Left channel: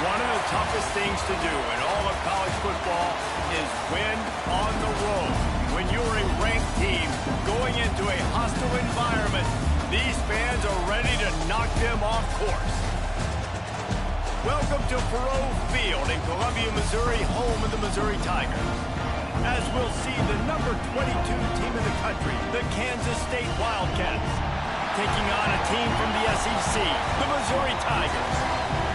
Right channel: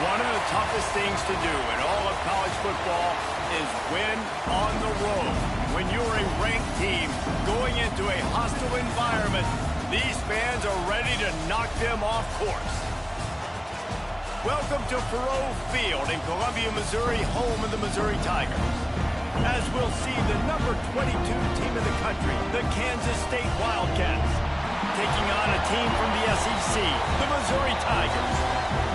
One of the toughest things to do in all of college football is win on the road. When you're a ranked team going into a hostile environment, these fans are ready to knock them off course. Welcome to Faurot Field in Columbia, Missouri, home of the Missouri Tigers. As we'll see the number 22 team in the country, the Kansas State Wildcats, taking on a team from the SEC, the Missouri Tigers.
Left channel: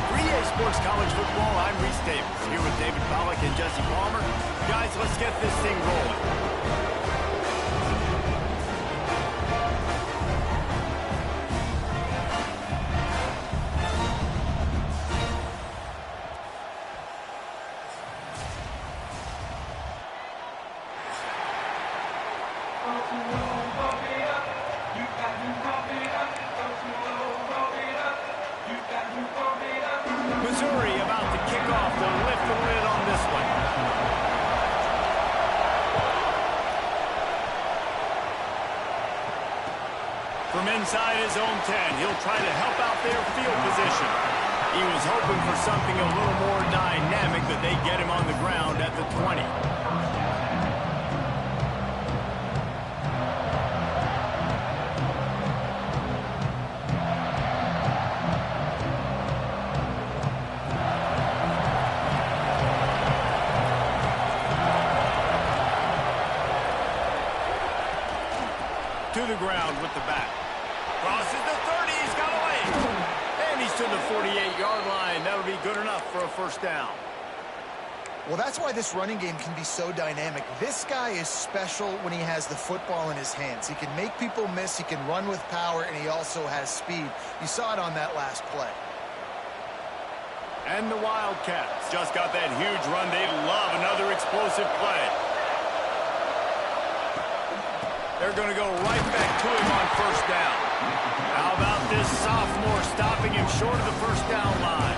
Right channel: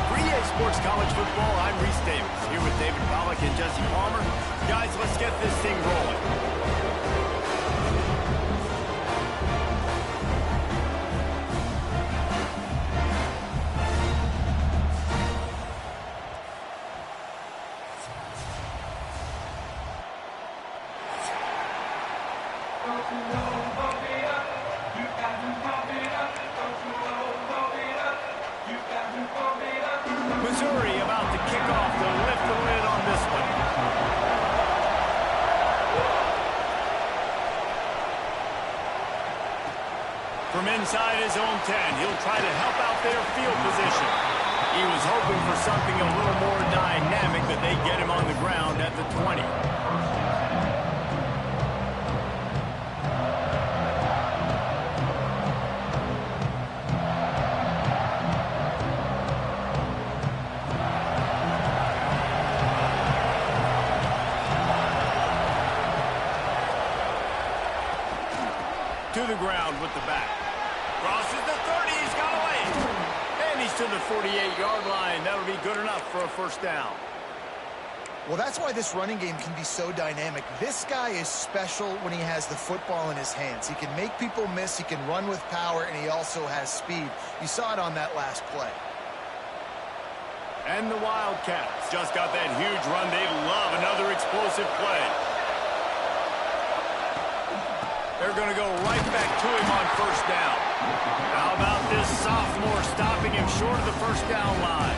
For EA Sports College Football, I'm Reese Davis, here with David Pollack and Jesse Palmer. Guys, let's get this thing rolling. Missouri about to kick off to lift the lid on this one. From inside his own 10, he'll try to help out their field position. He was hoping for something a little more dynamic, but they get him on the ground at the 20. To the ground with the back. Crosses the 30, he's got away. And he's to the 48-yard line. That'll be good enough for a first down. Well, that's why this running game can be so dynamic. This guy is special when he has the football in his hands. He can make people miss, he can run with power, and he also has speed. You saw it on that last play. And the Wildcats just got that huge run. They love another explosive play. They're going to go right back to him on first down. How about this sophomore stopping him short of the first down line?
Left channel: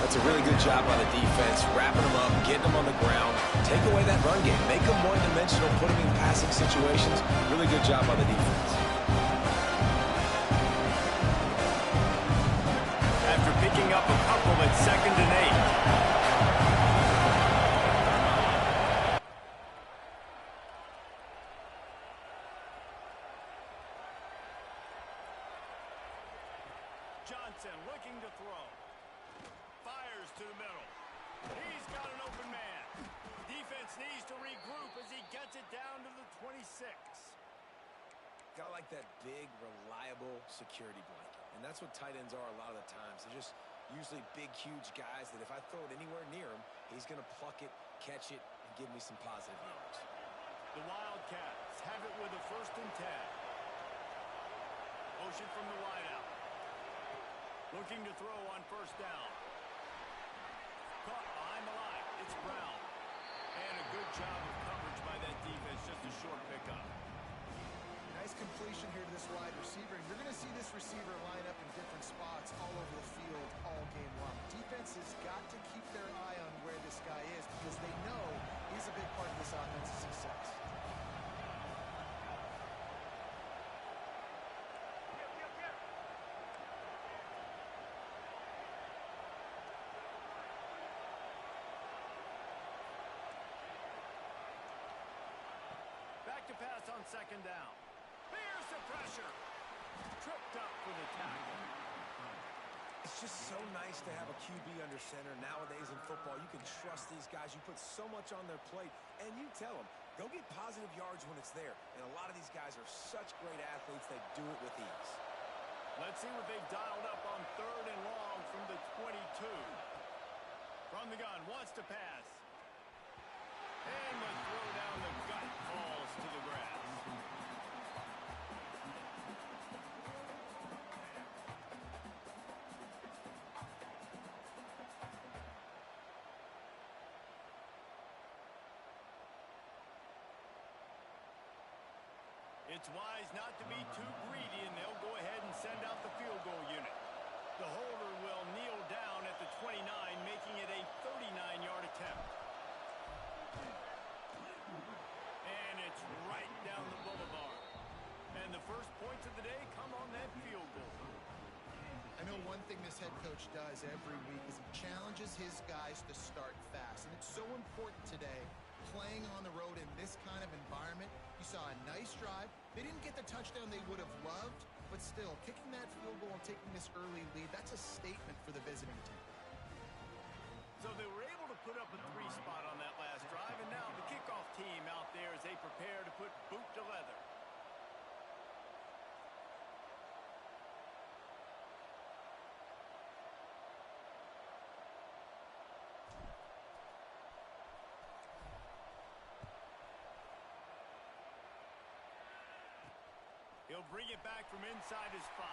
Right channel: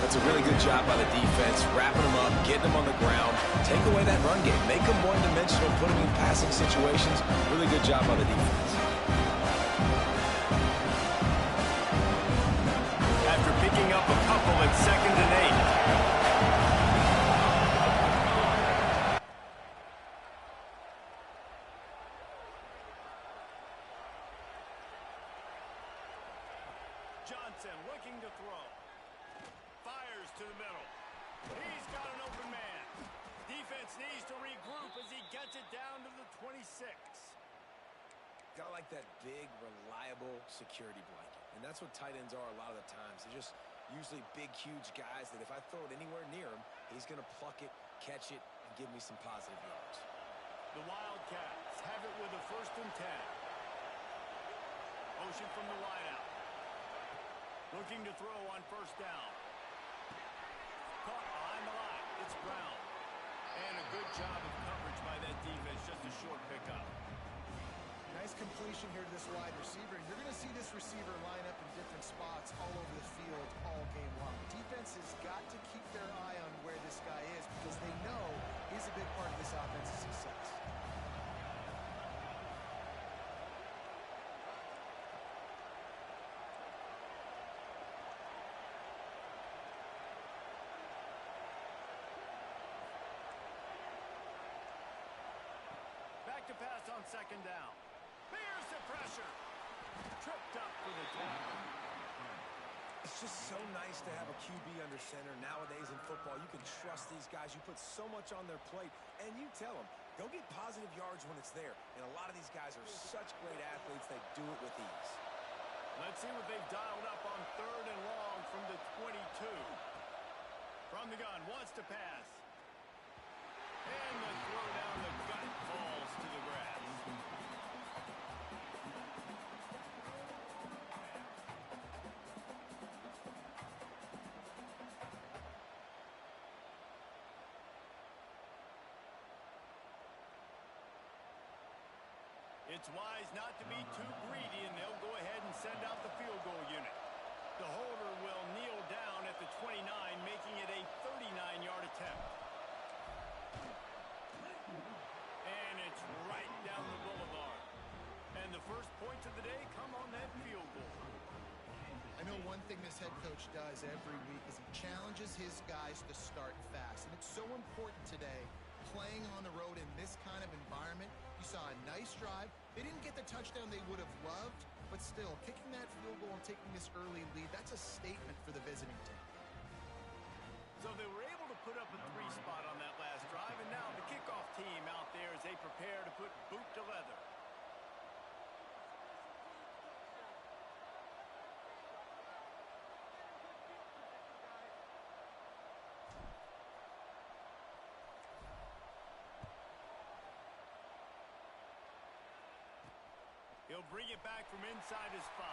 That's a really good job by the defense, wrapping him up, getting him on the ground, take away that run game, make him one-dimensional, put him in passing situations. Really good job by the defense. After picking up a couple at 2nd and 8. Johnson looking to throw. Fires to the middle. He's got an open man. Defense needs to regroup as he gets it down to the 26. Got like that big, reliable security blanket. And that's what tight ends are a lot of the times. They're just usually big, huge guys that if I throw it anywhere near him, he's going to pluck it, catch it, and give me some positive yards. The Wildcats have it with a 1st and 10. Motion from the wideout. Looking to throw on first down. Caught behind the line. It's Brown. And a good job of coverage by that defense. Just a short pickup. Nice completion here to this wide receiver. And you're going to see this receiver line up in different spots all over the field all game long. Defense has got to keep their eye on where this guy is because they know he's a big part of this offense's success. Back to pass on 2nd down. Bears the pressure. Tripped up for the tackle. It's just so nice to have a QB under center. Nowadays in football, you can trust these guys. You put so much on their plate, and you tell them, go get positive yards when it's there. And a lot of these guys are such great athletes, they do it with ease. Let's see what they've dialed up on 3rd and long from the 22. From the gun, wants to pass. And the throw down the gut falls to the grass. It's wise not to be too greedy, and they'll go ahead and send out the field goal unit. The holder will kneel down at the 29, making it a 39-yard attempt. And it's right down the boulevard. And the first points of the day come on that field goal. I know one thing this head coach does every week is he challenges his guys to start fast. And it's so important today, playing on the road in this kind of environment. You saw a nice drive. They didn't get the touchdown they would have loved, but still, kicking that field goal and taking this early lead, that's a statement for the visiting team. So they were able to put up a 3 spot on that last drive, and now the kickoff team out there as they prepare to put boot to leather. He'll bring it back from inside his 5.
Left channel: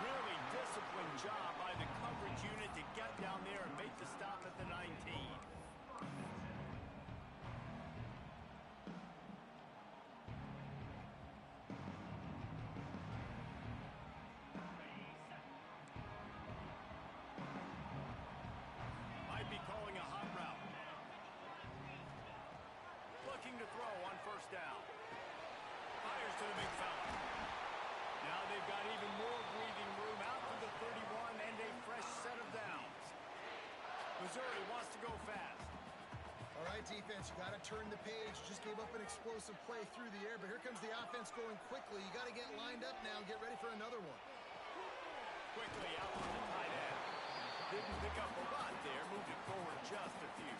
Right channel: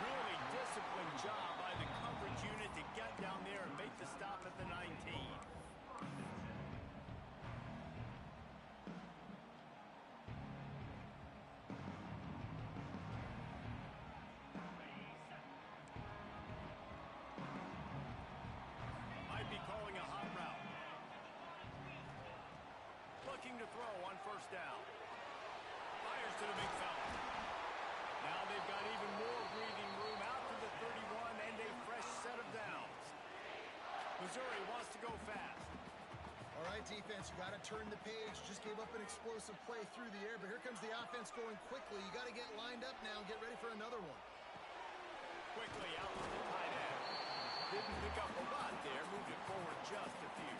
Really disciplined job by the coverage unit to get down there and make the stop at the 19. Might be calling a hot route. Looking to throw on first down. Fires to the big fella. Now they've got even more breathing room out to the 31 and a fresh set of downs. Missouri wants to go fast. All right, defense, you got to turn the page. Just gave up an explosive play through the air, but here comes the offense going quickly. You got to get lined up now and get ready for another one. Quickly out to the tight end. Didn't pick up a lot there. Moved it forward just a few.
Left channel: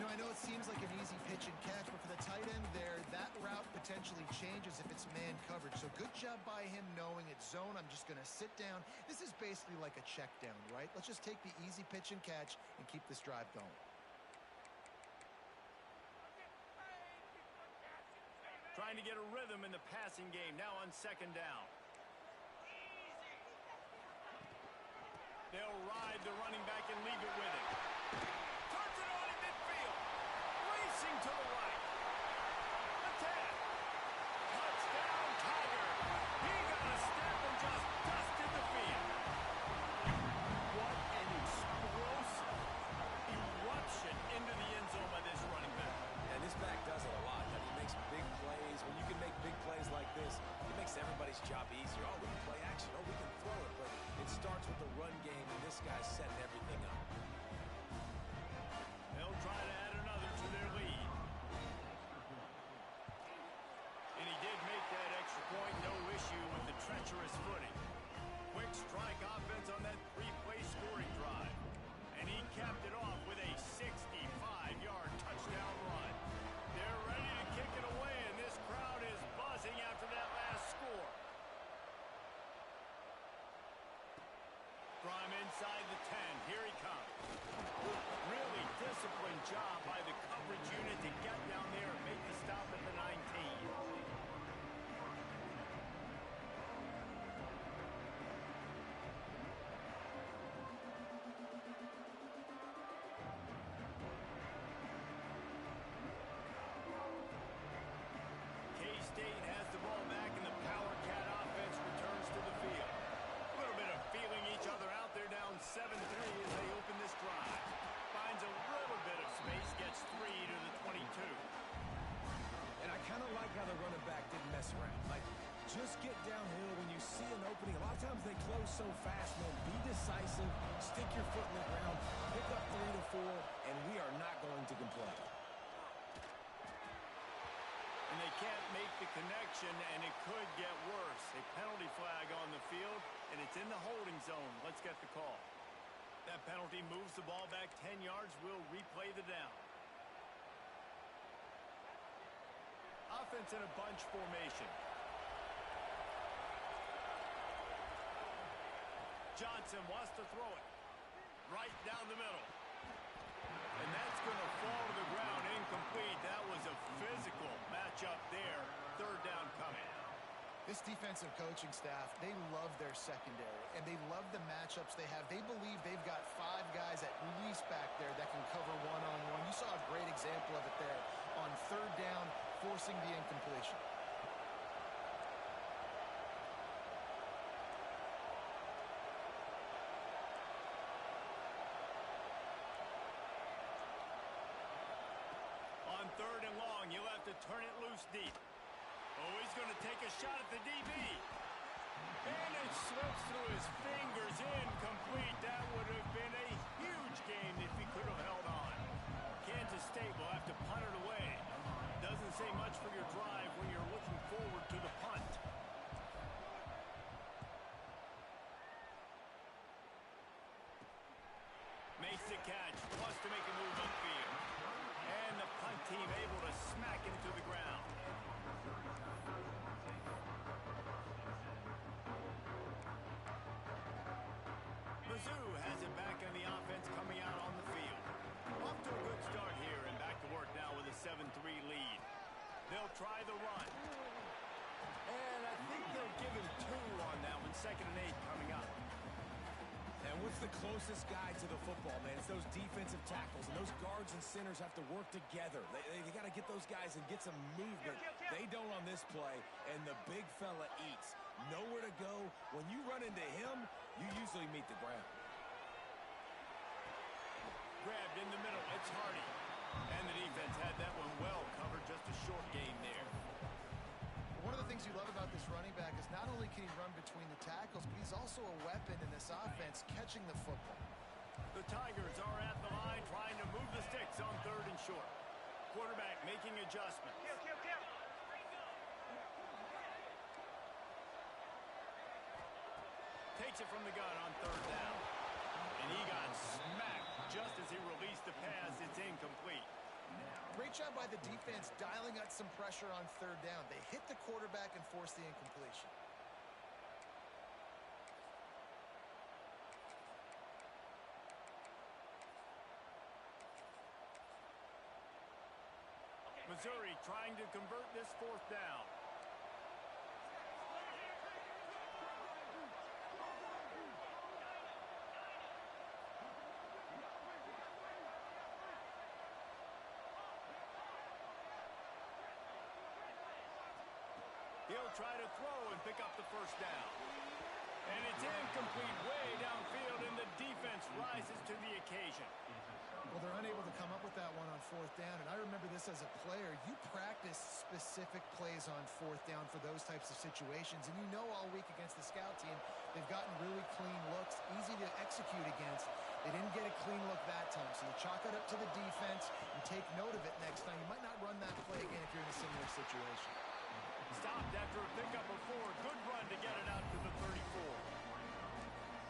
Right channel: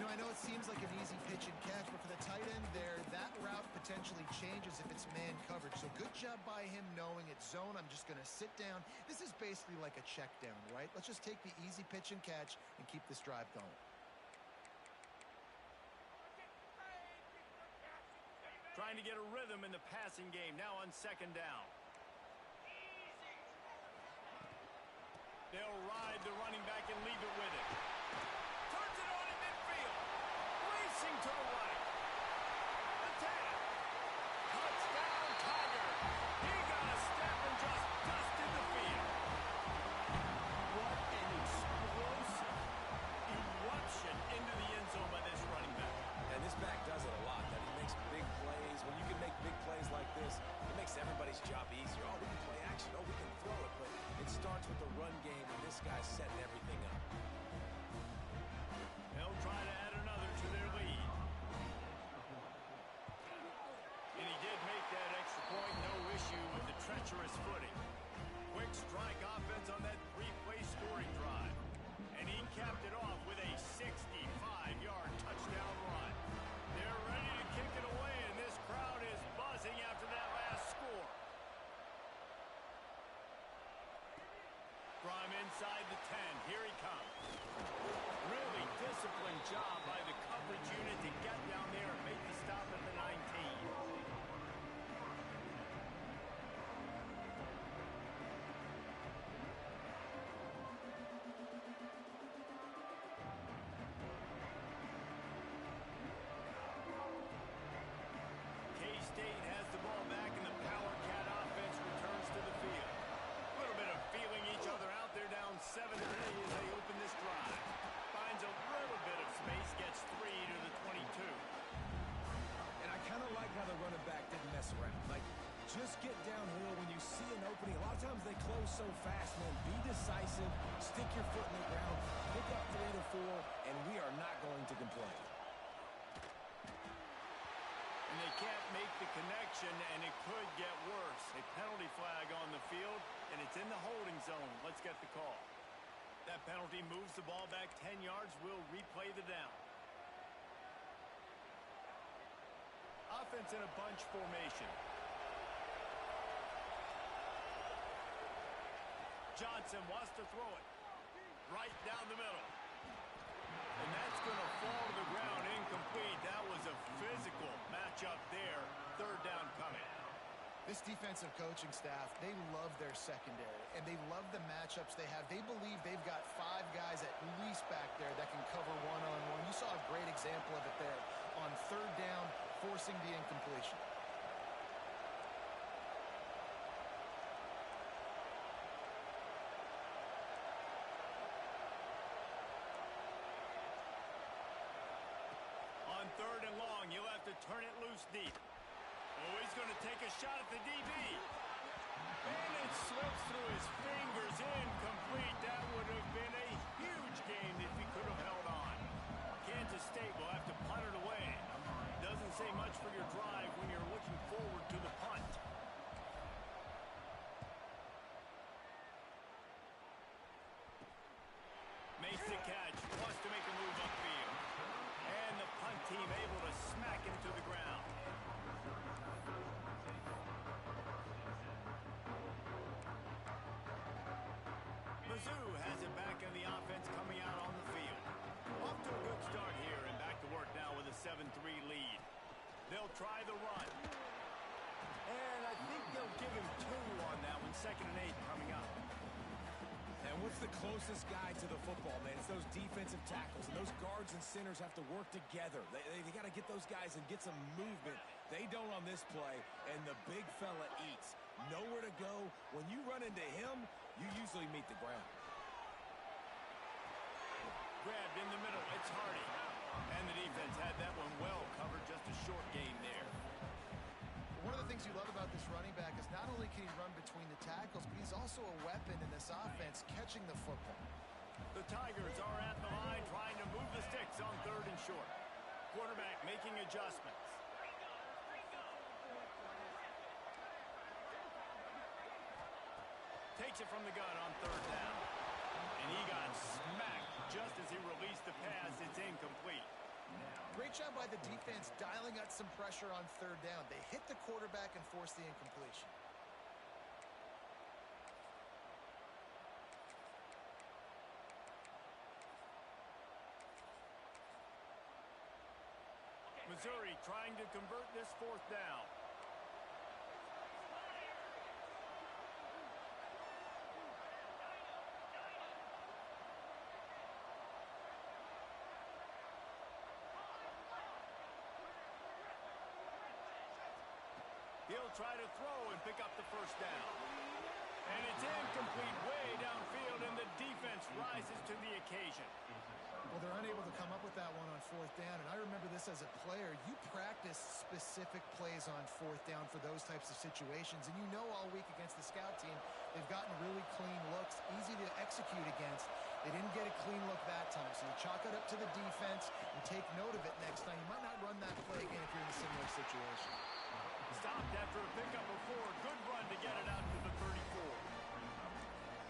You know, I know it seems like an easy pitch and catch, but for the tight end there, that route potentially changes if it's man coverage. So good job by him knowing it's zone. I'm just going to sit down. This is basically like a check down, right? Let's just take the easy pitch and catch and keep this drive going. Trying to get a rhythm in the passing game now on second down. They'll ride the running back and leave it with him. Turns it on in midfield. Racing to the right. The 10. Touchdown, Tiger. He got a step and just dusted the field. What an explosive eruption into the end zone by this running back. And this back does it a lot. That he makes big plays. When you can make big plays like this, it makes everybody's job easier. Oh, we can play action. Oh, we can throw it. But it starts with the run game, and this guy's setting everything up. They'll try to add another to their lead. And he did make that extra point. No issue with the treacherous footing. Quick strike offense on that 3-play scoring drive. And he capped it off with a 65-yard touchdown run. They're ready to kick it away, and this crowd is buzzing after that last score. From inside the 10, here he comes. Really disciplined job by the coverage unit to get down there and make the stop at the 19. K-State has the ball back, and the Power Cat offense returns to the field. A little bit of feeling each other out there, down 7-3 as they open this drive. Finds a little bit of space, gets 3 to the 22. And I kind of like how the running back didn't mess around. Like, just get downhill when you see an opening. A lot of times they close so fast, man. Be decisive, stick your foot in the ground, pick up 3 to 4, and we are not going to complain. And they can't make the connection, and it could get worse. A penalty flag on the field, and it's in the holding zone. Let's get the call. That penalty moves the ball back 10 yards. We'll replay the down. Offense in a bunch formation. Johnson wants to throw it right down the middle. And that's going to fall to the ground incomplete. That was a physical matchup there. Third down coming. This defensive coaching staff, they love their secondary, and they love the matchups they have. They believe they've got 5 guys at least back there that can cover one-on-one. You saw a great example of it there on third down, forcing the incompletion. On third and long, you'll have to turn it loose deep. Oh, he's going to take a shot at the DB. And it slips through his fingers, incomplete. That would have been a huge game if he could have held on. Kansas State will have to punt it away. Doesn't say much for your drive when you're looking forward to the punt. Makes the catch, wants to make a move upfield. And the punt team able to smack him to the ground. Mizzou has it back in the offense coming out on the field. Off to a good start here and back to work now with a 7-3 lead. They'll try the run. And I think they'll give him 2 on that one. 2nd and 8 coming up. And what's the closest guy to the football, man? It's those defensive tackles, and those guards and centers have to work together. They got to get those guys and get some movement. They don't on this play, and the big fella eats. Nowhere to go. When you run into him, you usually meet the ground. Grabbed in the middle, it's Hardy. And the defense had that one well covered, just a short game there. One of the things you love about this running back is not only can he run between the tackles, but he's also a weapon in this offense, catching the football. The Tigers are at the line trying to move the sticks on 3rd and short. Quarterback making adjustments. Takes it from the gun on 3rd down. And he got smacked just as he released the pass. It's incomplete. Great job by the defense dialing out some pressure on 3rd down. They hit the quarterback and forced the incompletion. Missouri trying to convert this 4th down. He'll try to throw and pick up the 1st down. And it's incomplete way downfield, and the defense rises to the occasion. Well, they're unable to come up with that one on 4th down, and I remember this as a player. You practice specific plays on 4th down for those types of situations, and you know all week against the scout team, they've gotten really clean looks, easy to execute against. They didn't get a clean look that time, so you chalk it up to the defense and take note of it next time. You might not run that play again if you're in a similar situation. Stopped after a pickup of 4. Good run to get it out to the 34.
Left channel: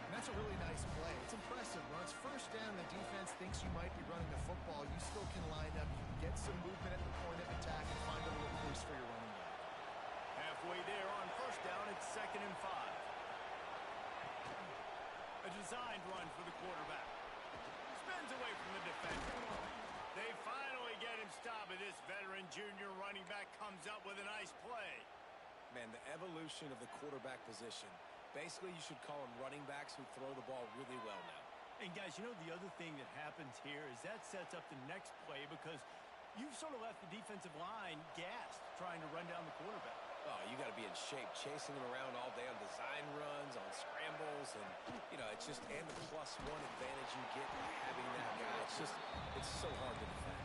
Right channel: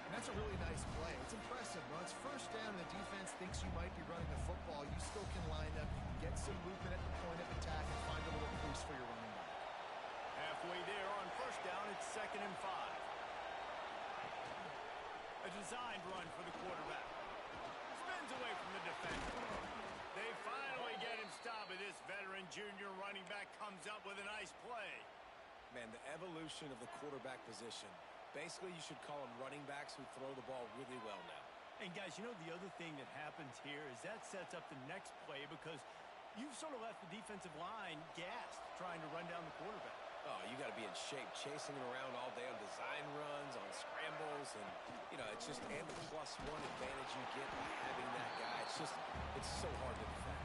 And that's a really nice play. It's impressive. When it's 1st down and the defense thinks you might be running the football, you still can line up. You can get some movement at the point of attack and find a little crease for your running back. Halfway there on 1st down, it's 2nd and 5. A designed run for the quarterback. Spins away from the defender. They finally get him stopped, and this veteran junior running back comes up with a nice play. Man, the evolution of the quarterback position. Basically, you should call them running backs who throw the ball really well now. And guys, you know the other thing that happens here is that sets up the next play because you've sort of left the defensive line gassed trying to run down the quarterback. Oh, you got to be in shape, chasing him around all day on design runs, on scrambles, and, you know, it's just, and the +1 advantage you get by having that guy. It's so hard to defend.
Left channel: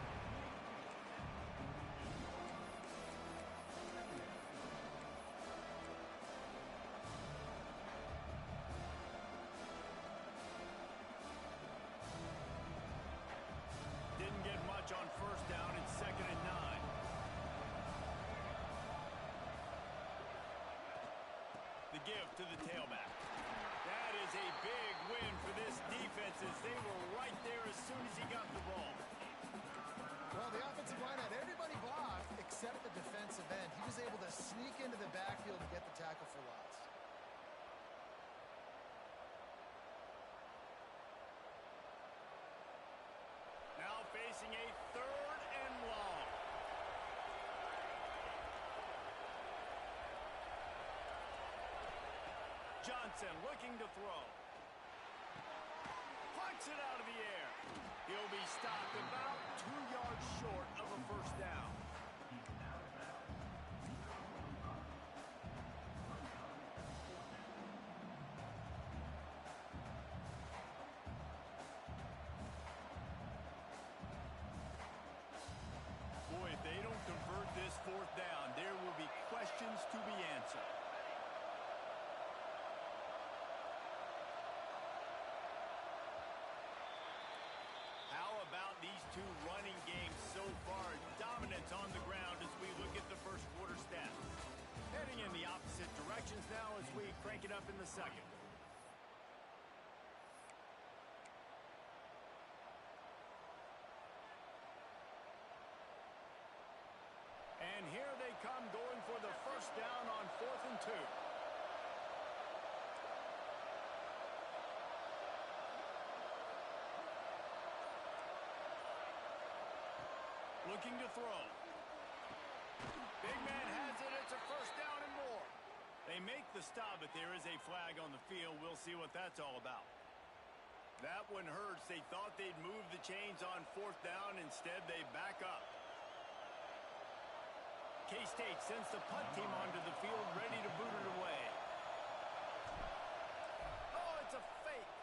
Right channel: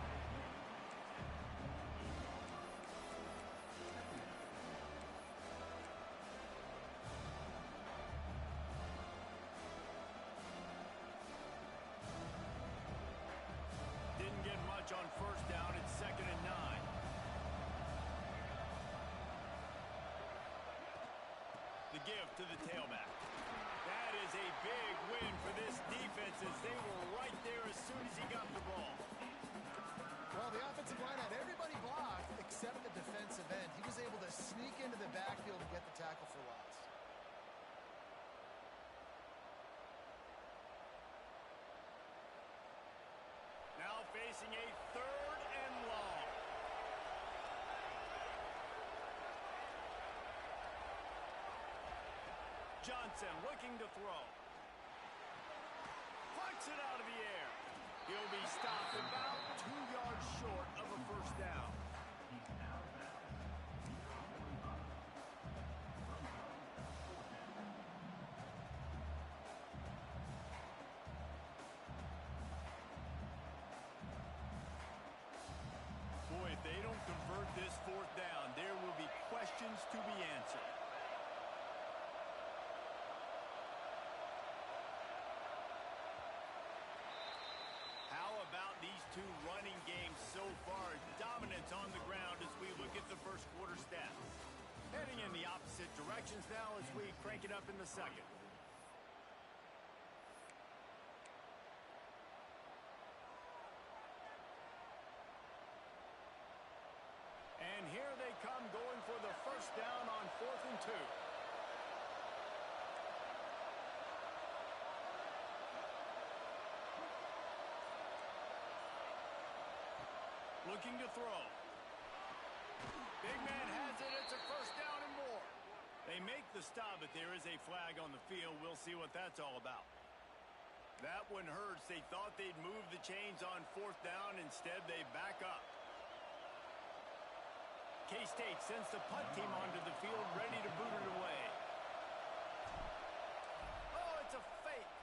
Didn't get much on 1st down. It's 2nd and 9. The give to the tailback. That is a big win for this defense as they were right there as soon as he got the ball. Well, the offensive line had everybody blocked except the defensive end. He was able to sneak into the backfield and get the tackle for loss. Now facing a 3rd and long. Johnson looking to throw. Plucks it out of the air. He'll be stopped about 2 yards short of a 1st down. Boy, if they don't convert this 4th down, there will be questions to be answered. about these two running games so far? Dominance on the ground as we look at the first quarter stats. Heading in the opposite directions now as we crank it up in the second. And here they come going for the first down on 4th and 2. Looking to throw. Big man has it. It's a first down and more. They make the stop, but there is a flag on the field. We'll see what that's all about. That one hurts. They thought they'd move the chains on 4th down. Instead, they back up. K-State sends the punt team onto the field, ready to boot it away. Oh, it's a fake.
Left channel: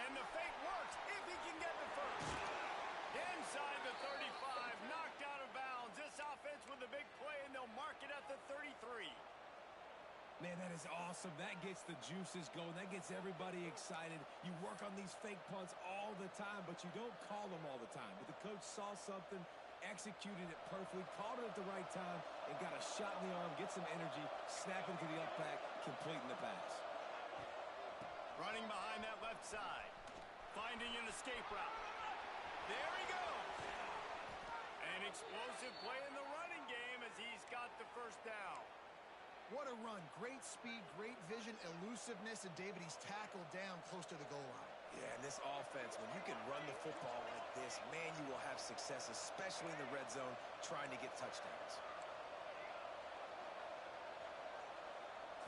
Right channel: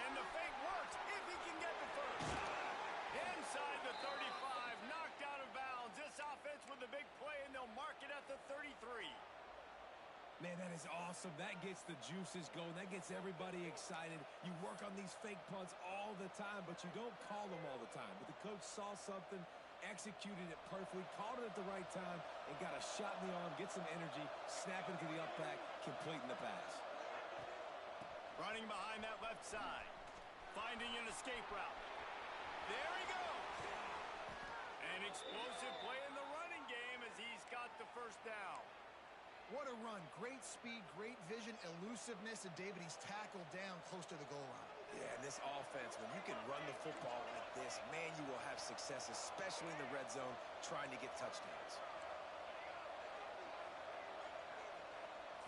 And the fake works if he can get the first. Inside the 35, knocked out of bounds. This offense with a big play, and they'll mark it at the 33. Man, that is awesome. That gets the juices going. That gets everybody excited. You work on these fake punts all the time, but you don't call them all the time. But the coach saw something, executed it perfectly, called it at the right time, and got a shot in the arm, get some energy, snap into the up back, completing the pass. Running behind that left side. Finding an escape route. There he goes. An explosive play in the running game as he's got the first down. What a run. Great speed, great vision, elusiveness, and David, he's tackled down close to the goal line. Yeah, and this offense, when you can run the football like this, man, you will have success, especially in the red zone, trying to get touchdowns.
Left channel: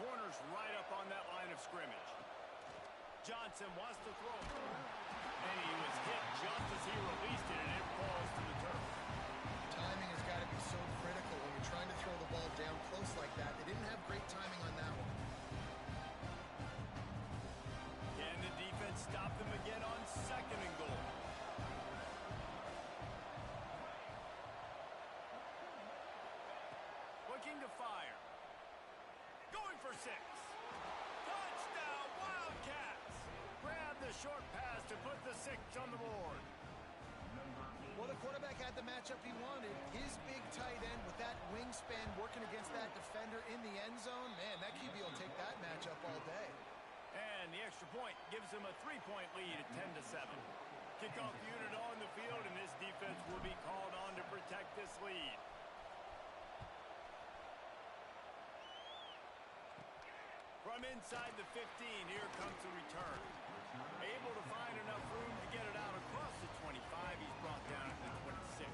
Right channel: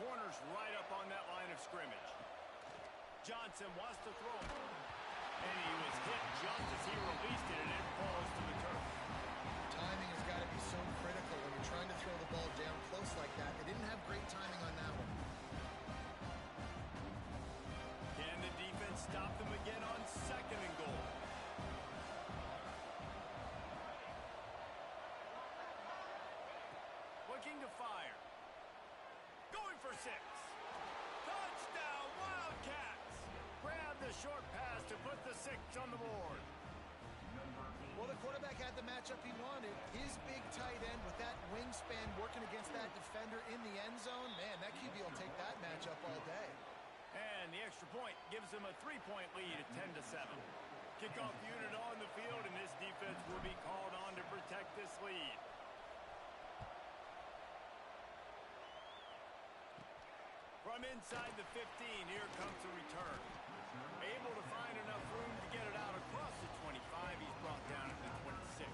Corners right up on that line of scrimmage. Johnson wants to throw. And he was hit just as he released it, and it falls to the turf. Timing has got to be so critical when you're trying to throw the ball down close like that. They didn't have great timing on that one. Can the defense stop them again on 2nd and goal? Looking to fire. Going for 6. Touchdown, Wildcats! Grab the short pass to put the 6 on the board. Well, the quarterback had the matchup he wanted. His big tight end with that wingspan working against that defender in the end zone. Man, that QB will take that matchup all day. And the extra point gives them a 3-point lead at 10-7. Kickoff unit on the field, and this defense will be called on to protect this lead. From inside the 15, here comes the return. Able to find enough room to get it out across the 25. He's brought down at the 26.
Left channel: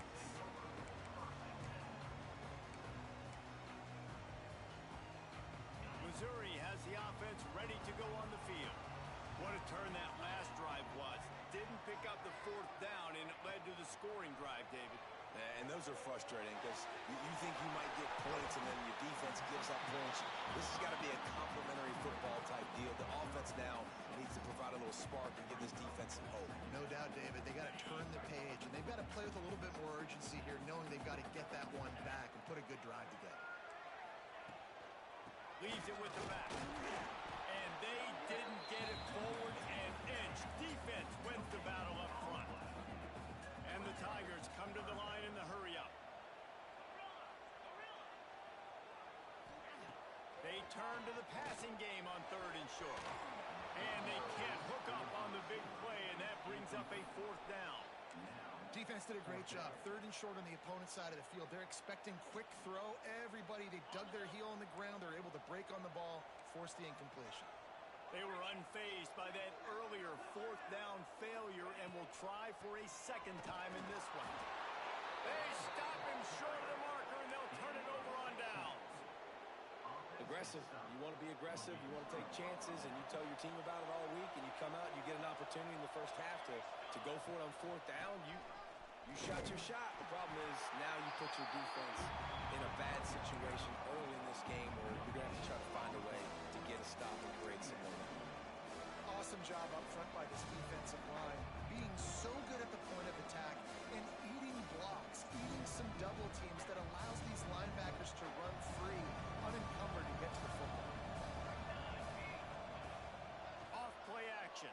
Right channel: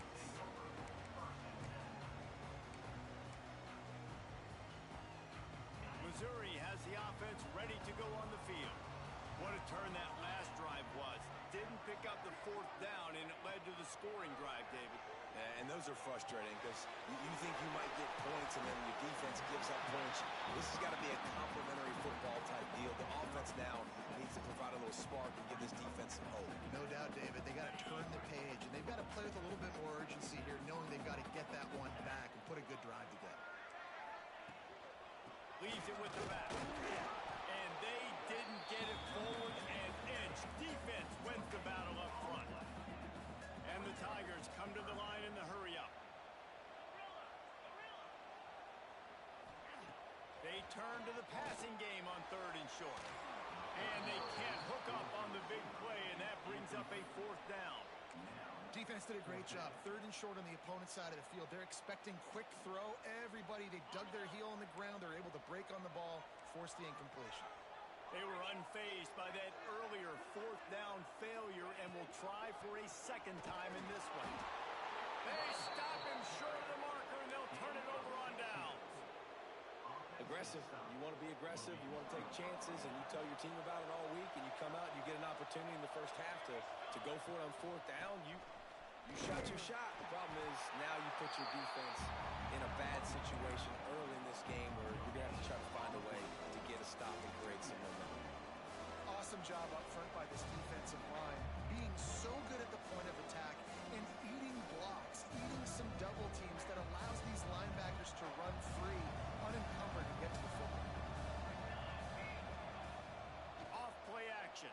Missouri has the offense ready to go on the field. What a turn that last drive was. Didn't pick up the 4th down, and it led to the scoring drive, David. And those are frustrating because you think you might get points and then your defense gives up points. This has got to be a complementary football type deal. The offense now needs to provide a little spark and give this defense some hope. No doubt, David. They got to turn the page, and they've got to play with a little bit more urgency here, knowing they've got to get that one back and put a good drive together. Leaves it with the back. And they didn't get it forward an inch. Defense wins the battle up front. And the Tigers come to the line in the hurry-up. They turn to the passing game on 3rd and short. And they can't hook up on the big play, and that brings up a 4th down. Defense did a great job. 3rd and short on the opponent's side of the field. They're expecting quick throw. Everybody, they dug their heel on the ground. They're able to break on the ball, force the incompletion. They were unfazed by that earlier 4th down failure and will try for a 2nd time in this one. They stop him short of the marker, and they'll turn it over on downs. Aggressive. You want to be aggressive. You want to take chances, and you tell your team about it all week, and you come out and you get an opportunity in the first half to go for it on 4th down. You shot your shot. The problem is now you put your defense in a bad situation early in this game where you're going to have to try to find a way to get a stop and create some momentum. Awesome job up front by this defensive line, being so good at the point of attack and eating blocks, eating some double teams that allows these linebackers to run free, unencumbered, and get to the football. Off play action.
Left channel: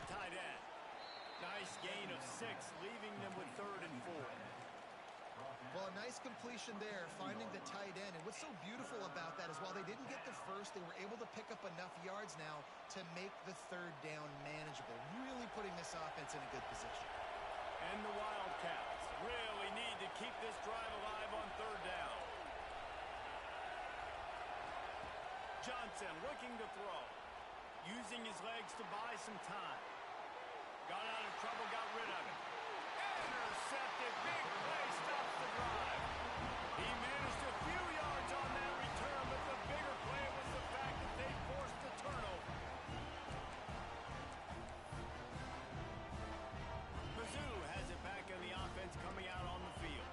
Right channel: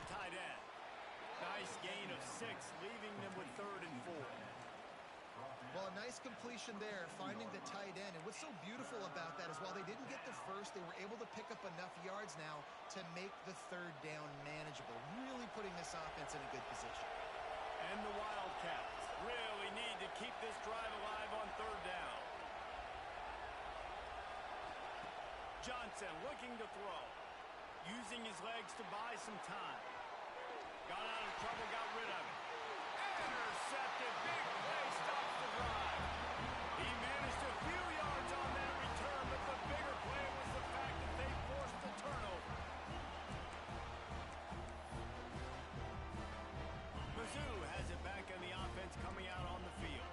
the tight end. Nice gain of 6, leaving them with 3rd and 4. Well, a nice completion there, finding the tight end. And what's so beautiful about that is while they didn't get the first, they were able to pick up enough yards now to make the 3rd down manageable, really putting this offense in a good position. And the Wildcats really need to keep this drive alive on 3rd down. Johnson looking to throw, using his legs to buy some time. Got out of trouble, got rid of it. Intercepted, big play, stops the drive. He managed a few yards on that return, but the bigger play was the fact that they forced the turnover. Mizzou has it back on the offense coming out on the field.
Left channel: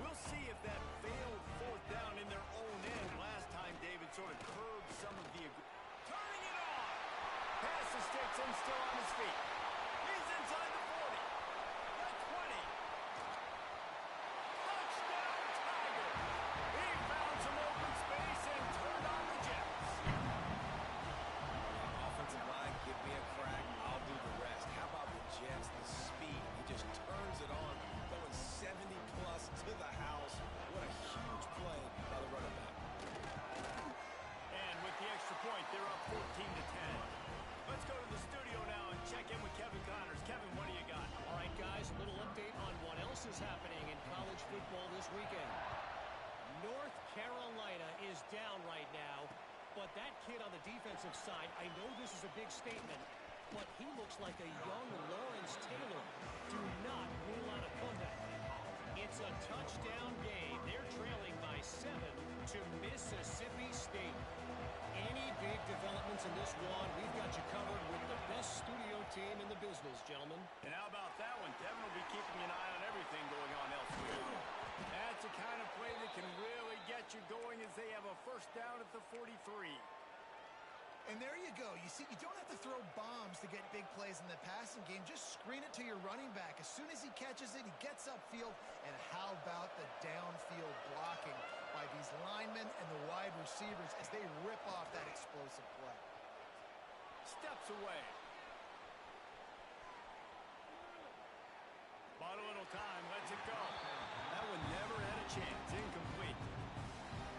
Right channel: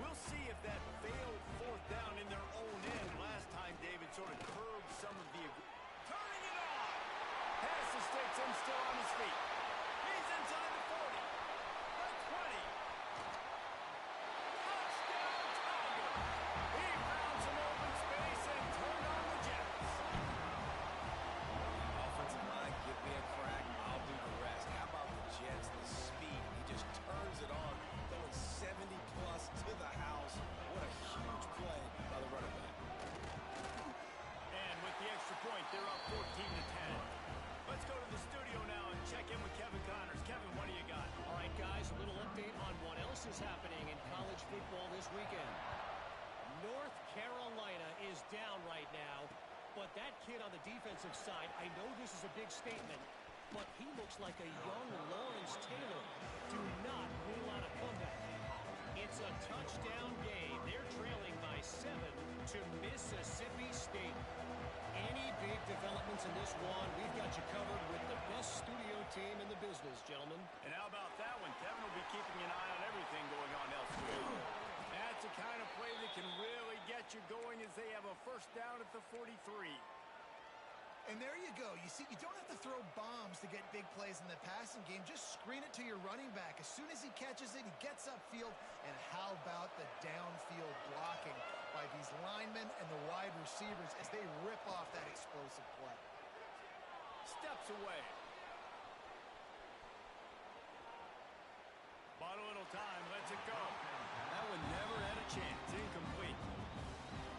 We'll see if that failed 4th down in their own end. Last time, David sort of curbed some of the... Turning it on! Pass escapes him, still on his feet. He's inside the 40. The 20. Touchdown, Tiger! He found some open space and turned on the Jets. Offensive line, give me a crack. I'll do the rest. How about the Jets? The speed. He just turns it on, going 70-plus to the house. What a huge play by the running back. And with the extra point, they're up 14-10. Let's go to the studio now and check in with Kevin Connors. Kevin, what do you got? All right, guys, a little update on what else is happening in college football this weekend. North Carolina is down right now, but that kid on the defensive side, I know this is a big statement, but he looks like a young Lawrence Taylor. Do not rule out a comeback. It's a touchdown game. They're trailing by 7 to Mississippi State. Any big developments in this one, we've got you covered with the best studio team in the business, gentlemen. And how about that one? Kevin will be keeping an eye on everything going on elsewhere. That's the kind of play that can really get you going as they have a 1st down at the 43. And there you go. You see, you don't have to throw bombs to get big plays in the passing game. Just screen it to your running back. As soon as he catches it, he gets upfield. And how about the downfield blocking by these linemen and the wide receivers as they rip off that explosive play. Steps away. Bought a little time, lets it go. That one never had a chance. Incomplete.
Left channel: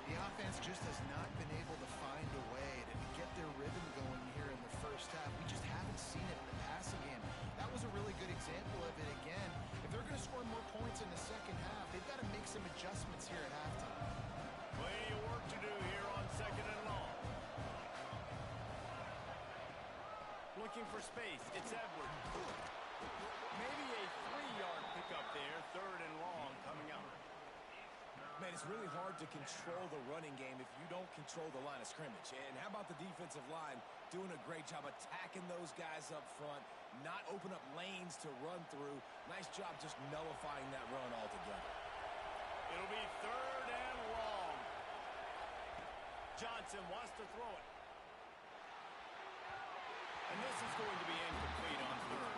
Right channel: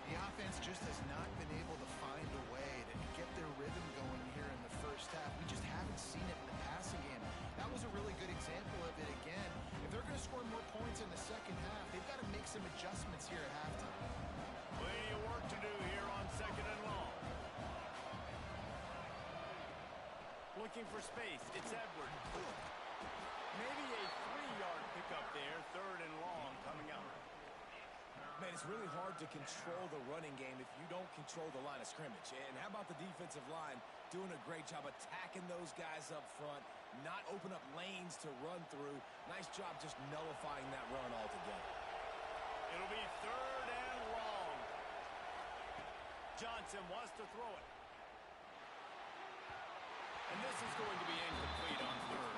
The offense just has not been able to find a way to get their rhythm going here in the 1st half. We just haven't seen it in the passing game. That was a really good example of it again. If they're going to score more points in the 2nd half, they've got to make some adjustments here at halftime. Plenty of work to do here on 2nd and long. Looking for space. It's Edward. Maybe a 3-yard pickup there. 3rd and long coming out. Man, it's really hard to control the running game if you don't control the line of scrimmage. And how about the defensive line doing a great job attacking those guys up front, not open up lanes to run through. Nice job just nullifying that run altogether. It'll be 3rd and long. Johnson wants to throw it. And this is going to be incomplete on 3rd.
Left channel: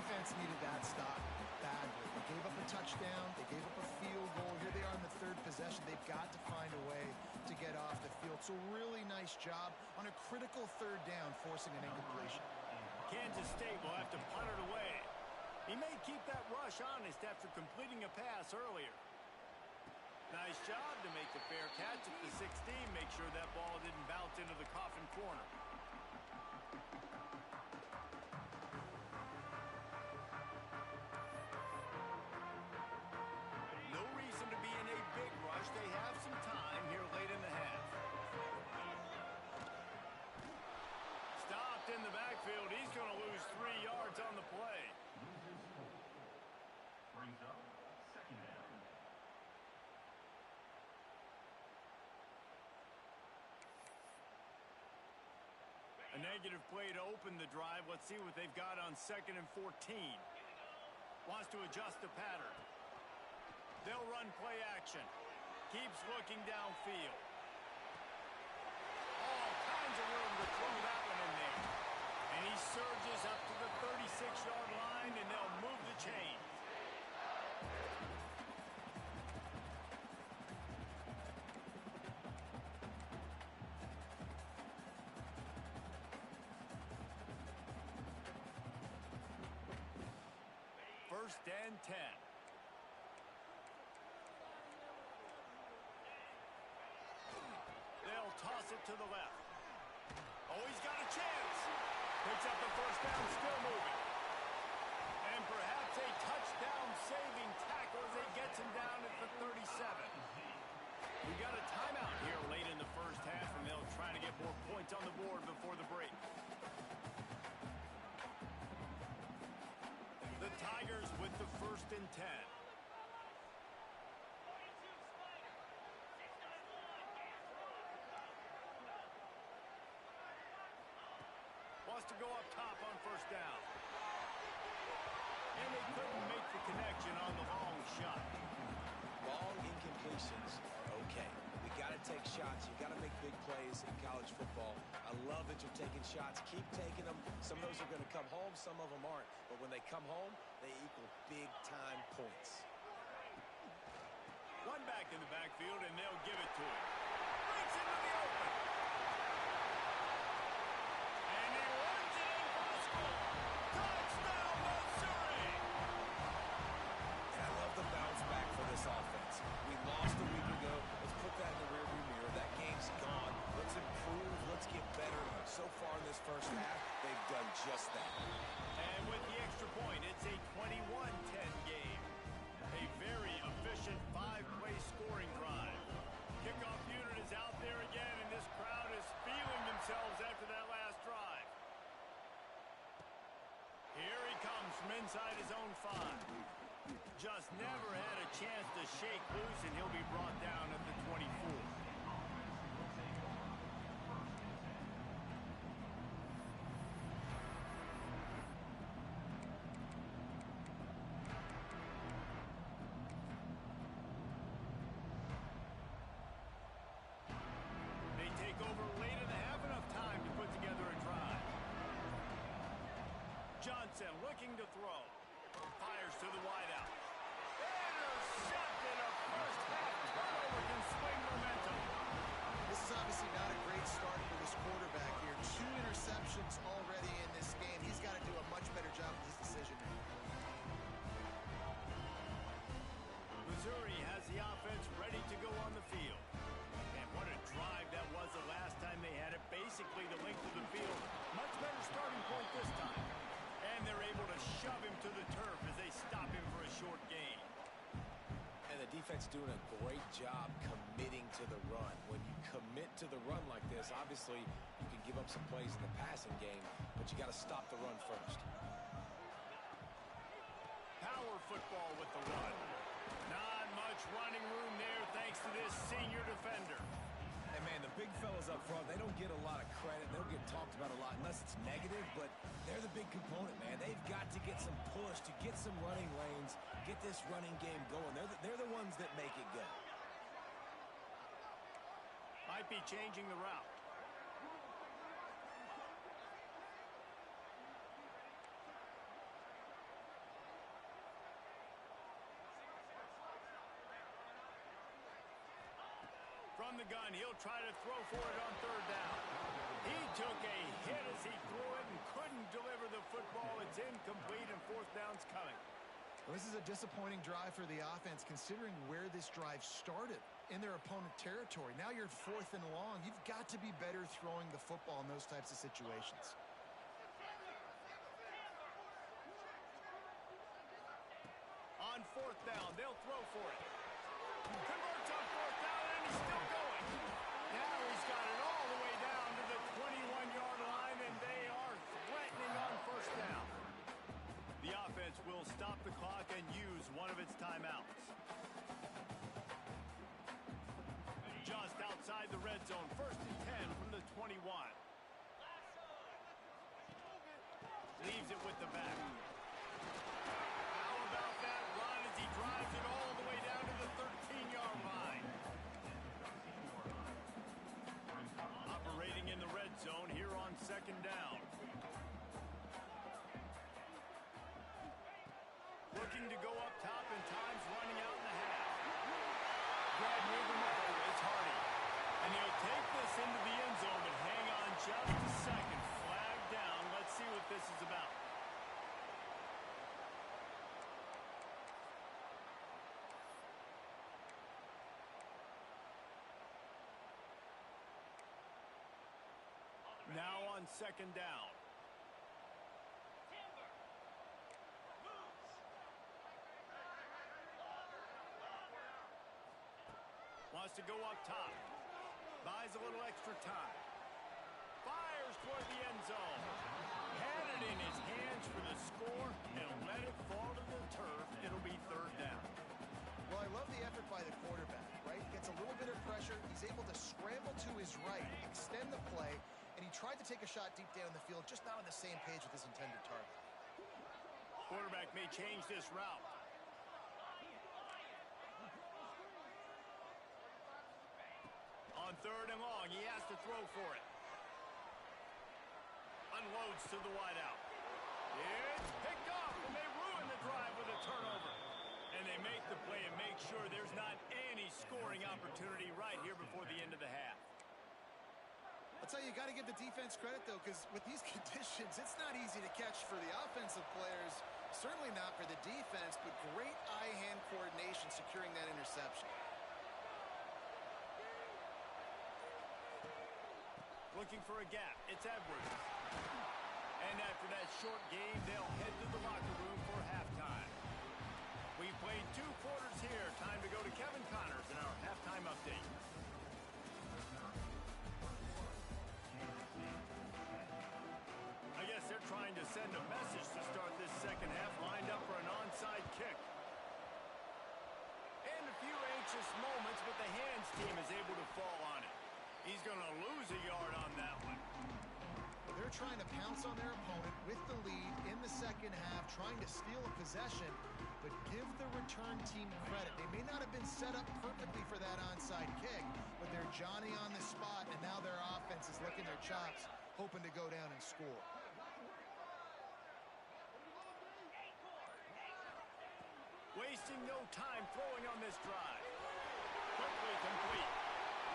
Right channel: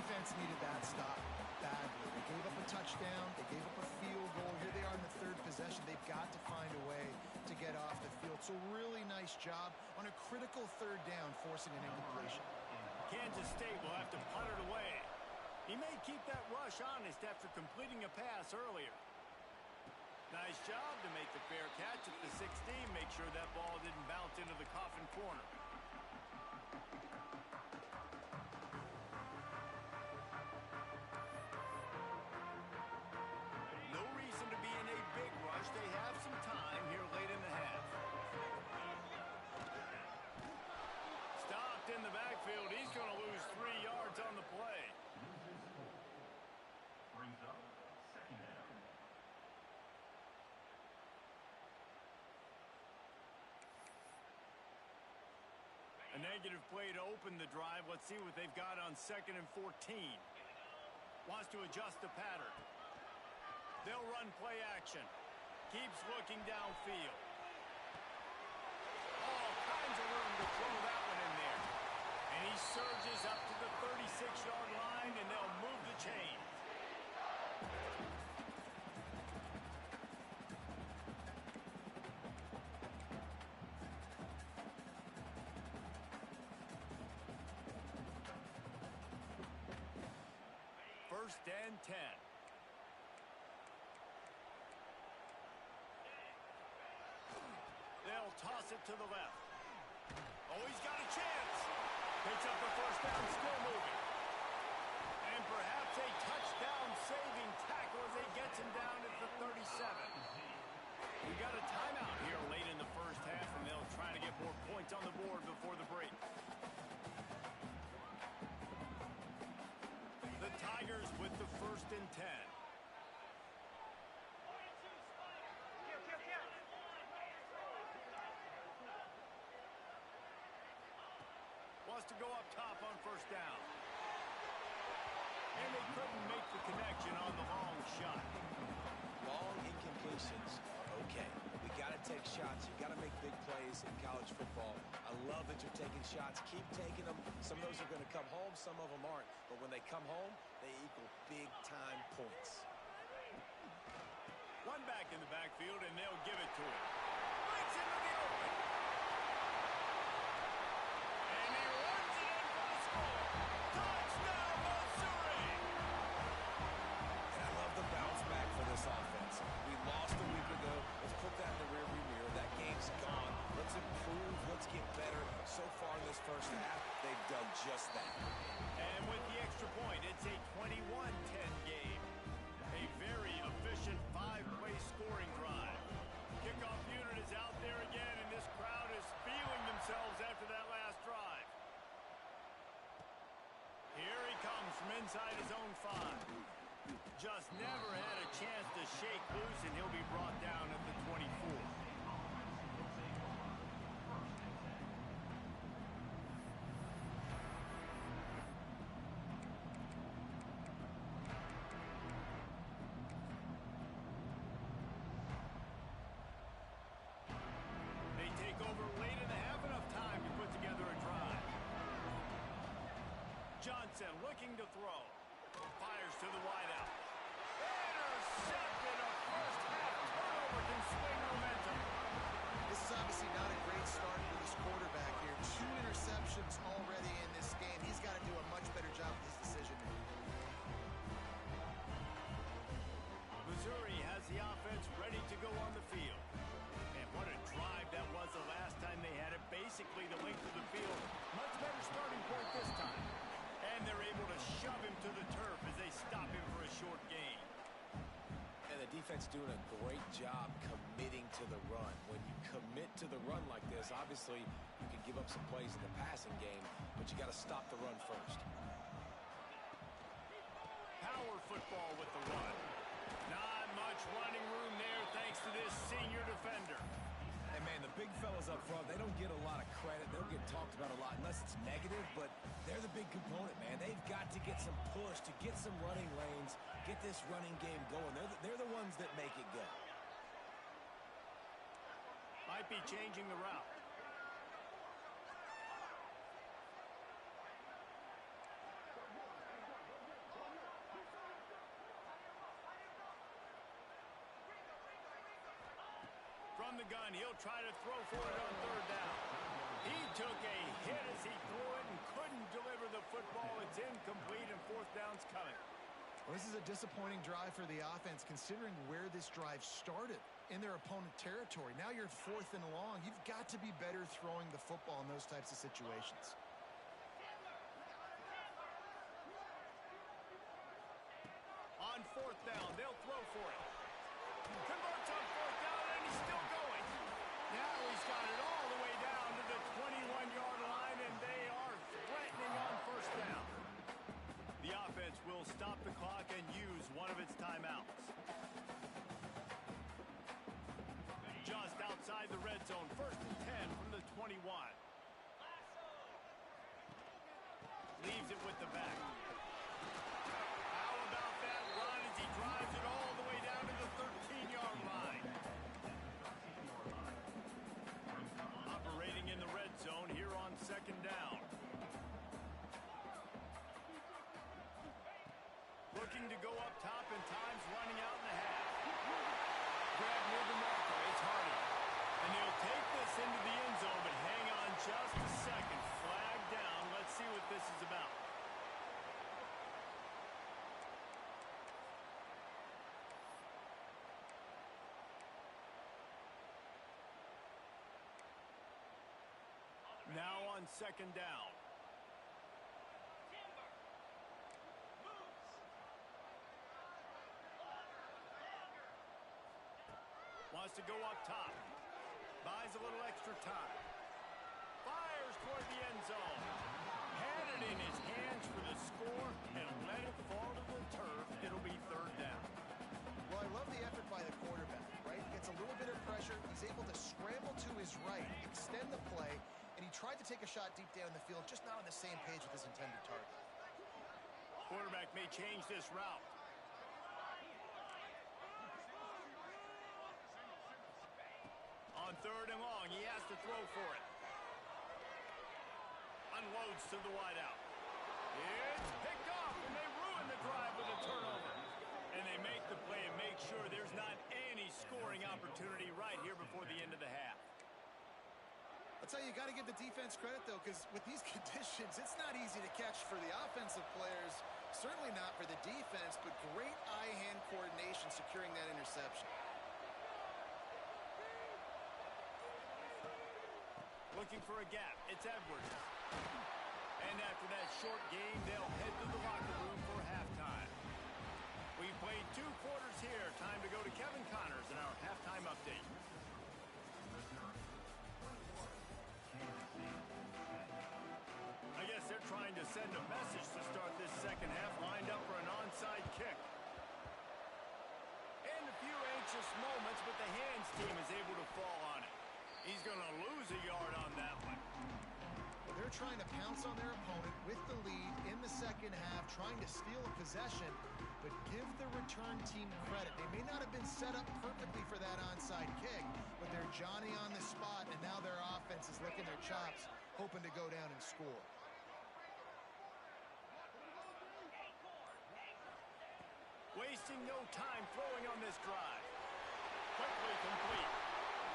Defense needed that stop badly. They gave up a touchdown. They gave up a field goal. Here they are in the 3rd possession. They've got to find a way to get off the field. So really nice job on a critical 3rd down, forcing an incompletion. Kansas State will have to punt it away. He may keep that rush honest after completing a pass earlier. Nice job to make the fair catch at the 16. Make sure that ball didn't bounce into the coffin corner. No reason to be in a big rush. They have some time here late in the half. Stopped in the backfield. He's going to lose 3 yards on the play. Brings up 2nd down. A negative play to open the drive. Let's see what they've got on 2nd and 14. Wants to adjust the pattern. They'll run play action. Keeps looking downfield. All kinds of room to throw that one in there. And he surges up to the 36-yard line, and they'll move the chains. First and 10. They'll toss it to the left. Oh, he's got a chance. Picks up the first down, still moving. And perhaps a touchdown-saving tackle as he gets him down at the 37. We got a timeout here late in the first half, and they'll try to get more points on the board before the break. The Tigers with the first and 10. Wants to go up top on first down. And they couldn't make the connection on the long shot. Long incompletions are okay. We got to take shots. You got to make big plays in college football. I love that you're taking shots. Keep taking them. Some of those are going to come home. Some of them aren't. But when they come home, they equal big-time points. One back in the backfield, and they'll give it to him. Breaks into the open. And he runs it in for the score. Touchdown, Missouri! And I love the bounce back for this offense. We lost a week ago. Let's put that in the rearview mirror. That game's gone. Let's improve. Let's get better. So far in this first half, they've done just that. And with the extra point, it's a 21-10 game. A very efficient five-play scoring drive. Kickoff unit is out there again, and this crowd is feeling themselves after that last drive. Here he comes from inside his own 5. Just never had a chance to shake loose, and he'll be brought down at the 24. They take over late in the half, enough time to put together a drive. Johnson looking to throw. Fires to the wideout. Intercepted. A first half turnover can swing momentum. This is obviously not a great start for this quarterback here. 2 interceptions already in this game. He's got to do a much better job with his decision making. Missouri has the offense ready to go on the field. And what a drive that was the last time they had it. Basically the length of the field. Much better starting point this time. And they're able to shove him to the turf as they stop him for a short gain. And the defense doing a great job committing to the run. When you commit to the run like this, obviously you can give up some plays in the passing game, but you got to stop the run first. Power football with the run. Not much running room there thanks to this senior defender. And, man, the big fellas up front, they don't get a lot of credit. They don't get talked about a lot unless it's negative, but they're the big component, man. They've got to get some push to get some running lanes, get this running game going. They're the ones that make it go. Might be changing the route. From the gun, he'll try to throw for it on third down. He took a hit as he threw it and couldn't deliver the football. It's incomplete, and fourth down's coming. Well, this is a disappointing drive for the offense considering where this drive started in their opponent territory. Now you're 4th and long. You've got to be better throwing the football in those types of situations. On fourth down, they'll throw for it. Converts on fourth down, and he's still going. Now he's got it all the way down to the 21-yard line, and they are threatening on first down. The offense will stop the clock and use one of its timeouts. Just outside the red zone, first and 10 from the 21. Leaves it with the back. How about that run as he drives it all the way down to the 13-yard line? Operating in the red zone here on second down. Looking to go up top, and time's running out in the half. Grab near the marker, it's Hardy. And he'll take this into the end zone, but hang on just a second. Flag down. Let's see what this is about. on second down. Wants to go up top. Buys a little extra time. Fires toward the end zone. Had it in his hands for the score and let it fall to the turf. It'll be third down. Well, I love the effort by the quarterback, right? He gets a little bit of pressure. He's able to scramble to his right, extend the play, and he tried to take a shot deep down the field, just not on the same page with his intended target. Quarterback may change this route. On third and long, he has to throw for it. Unloads to the wideout. It's picked off, and they ruin the drive with a turnover. And they make the play and make sure there's not any scoring opportunity right here before the end of the half. I'll tell you, you got to give the defense credit, though, because with these conditions, it's not easy to catch for the offensive players. Certainly not for the defense, but great eye-hand coordination securing that interception. Looking for a gap. It's Edwards. And after that short game, they'll head to the locker room for halftime. We've played 2 quarters here. Time to go to Kevin Connors in our halftime update. I guess they're trying to send a message to start this second half, lined up for an onside kick. And a few anxious moments, but the hands team is able to fall on it. He's going to lose a yard on that one. Well, they're trying to pounce on their opponent with the lead in the second half, trying to steal a possession, but give the return team credit. They may not have been set up perfectly for that onside kick, but they're Johnny on the spot, and now their offense is licking their chops, hoping to go down and score. Wasting no time throwing on this drive. Quickly complete.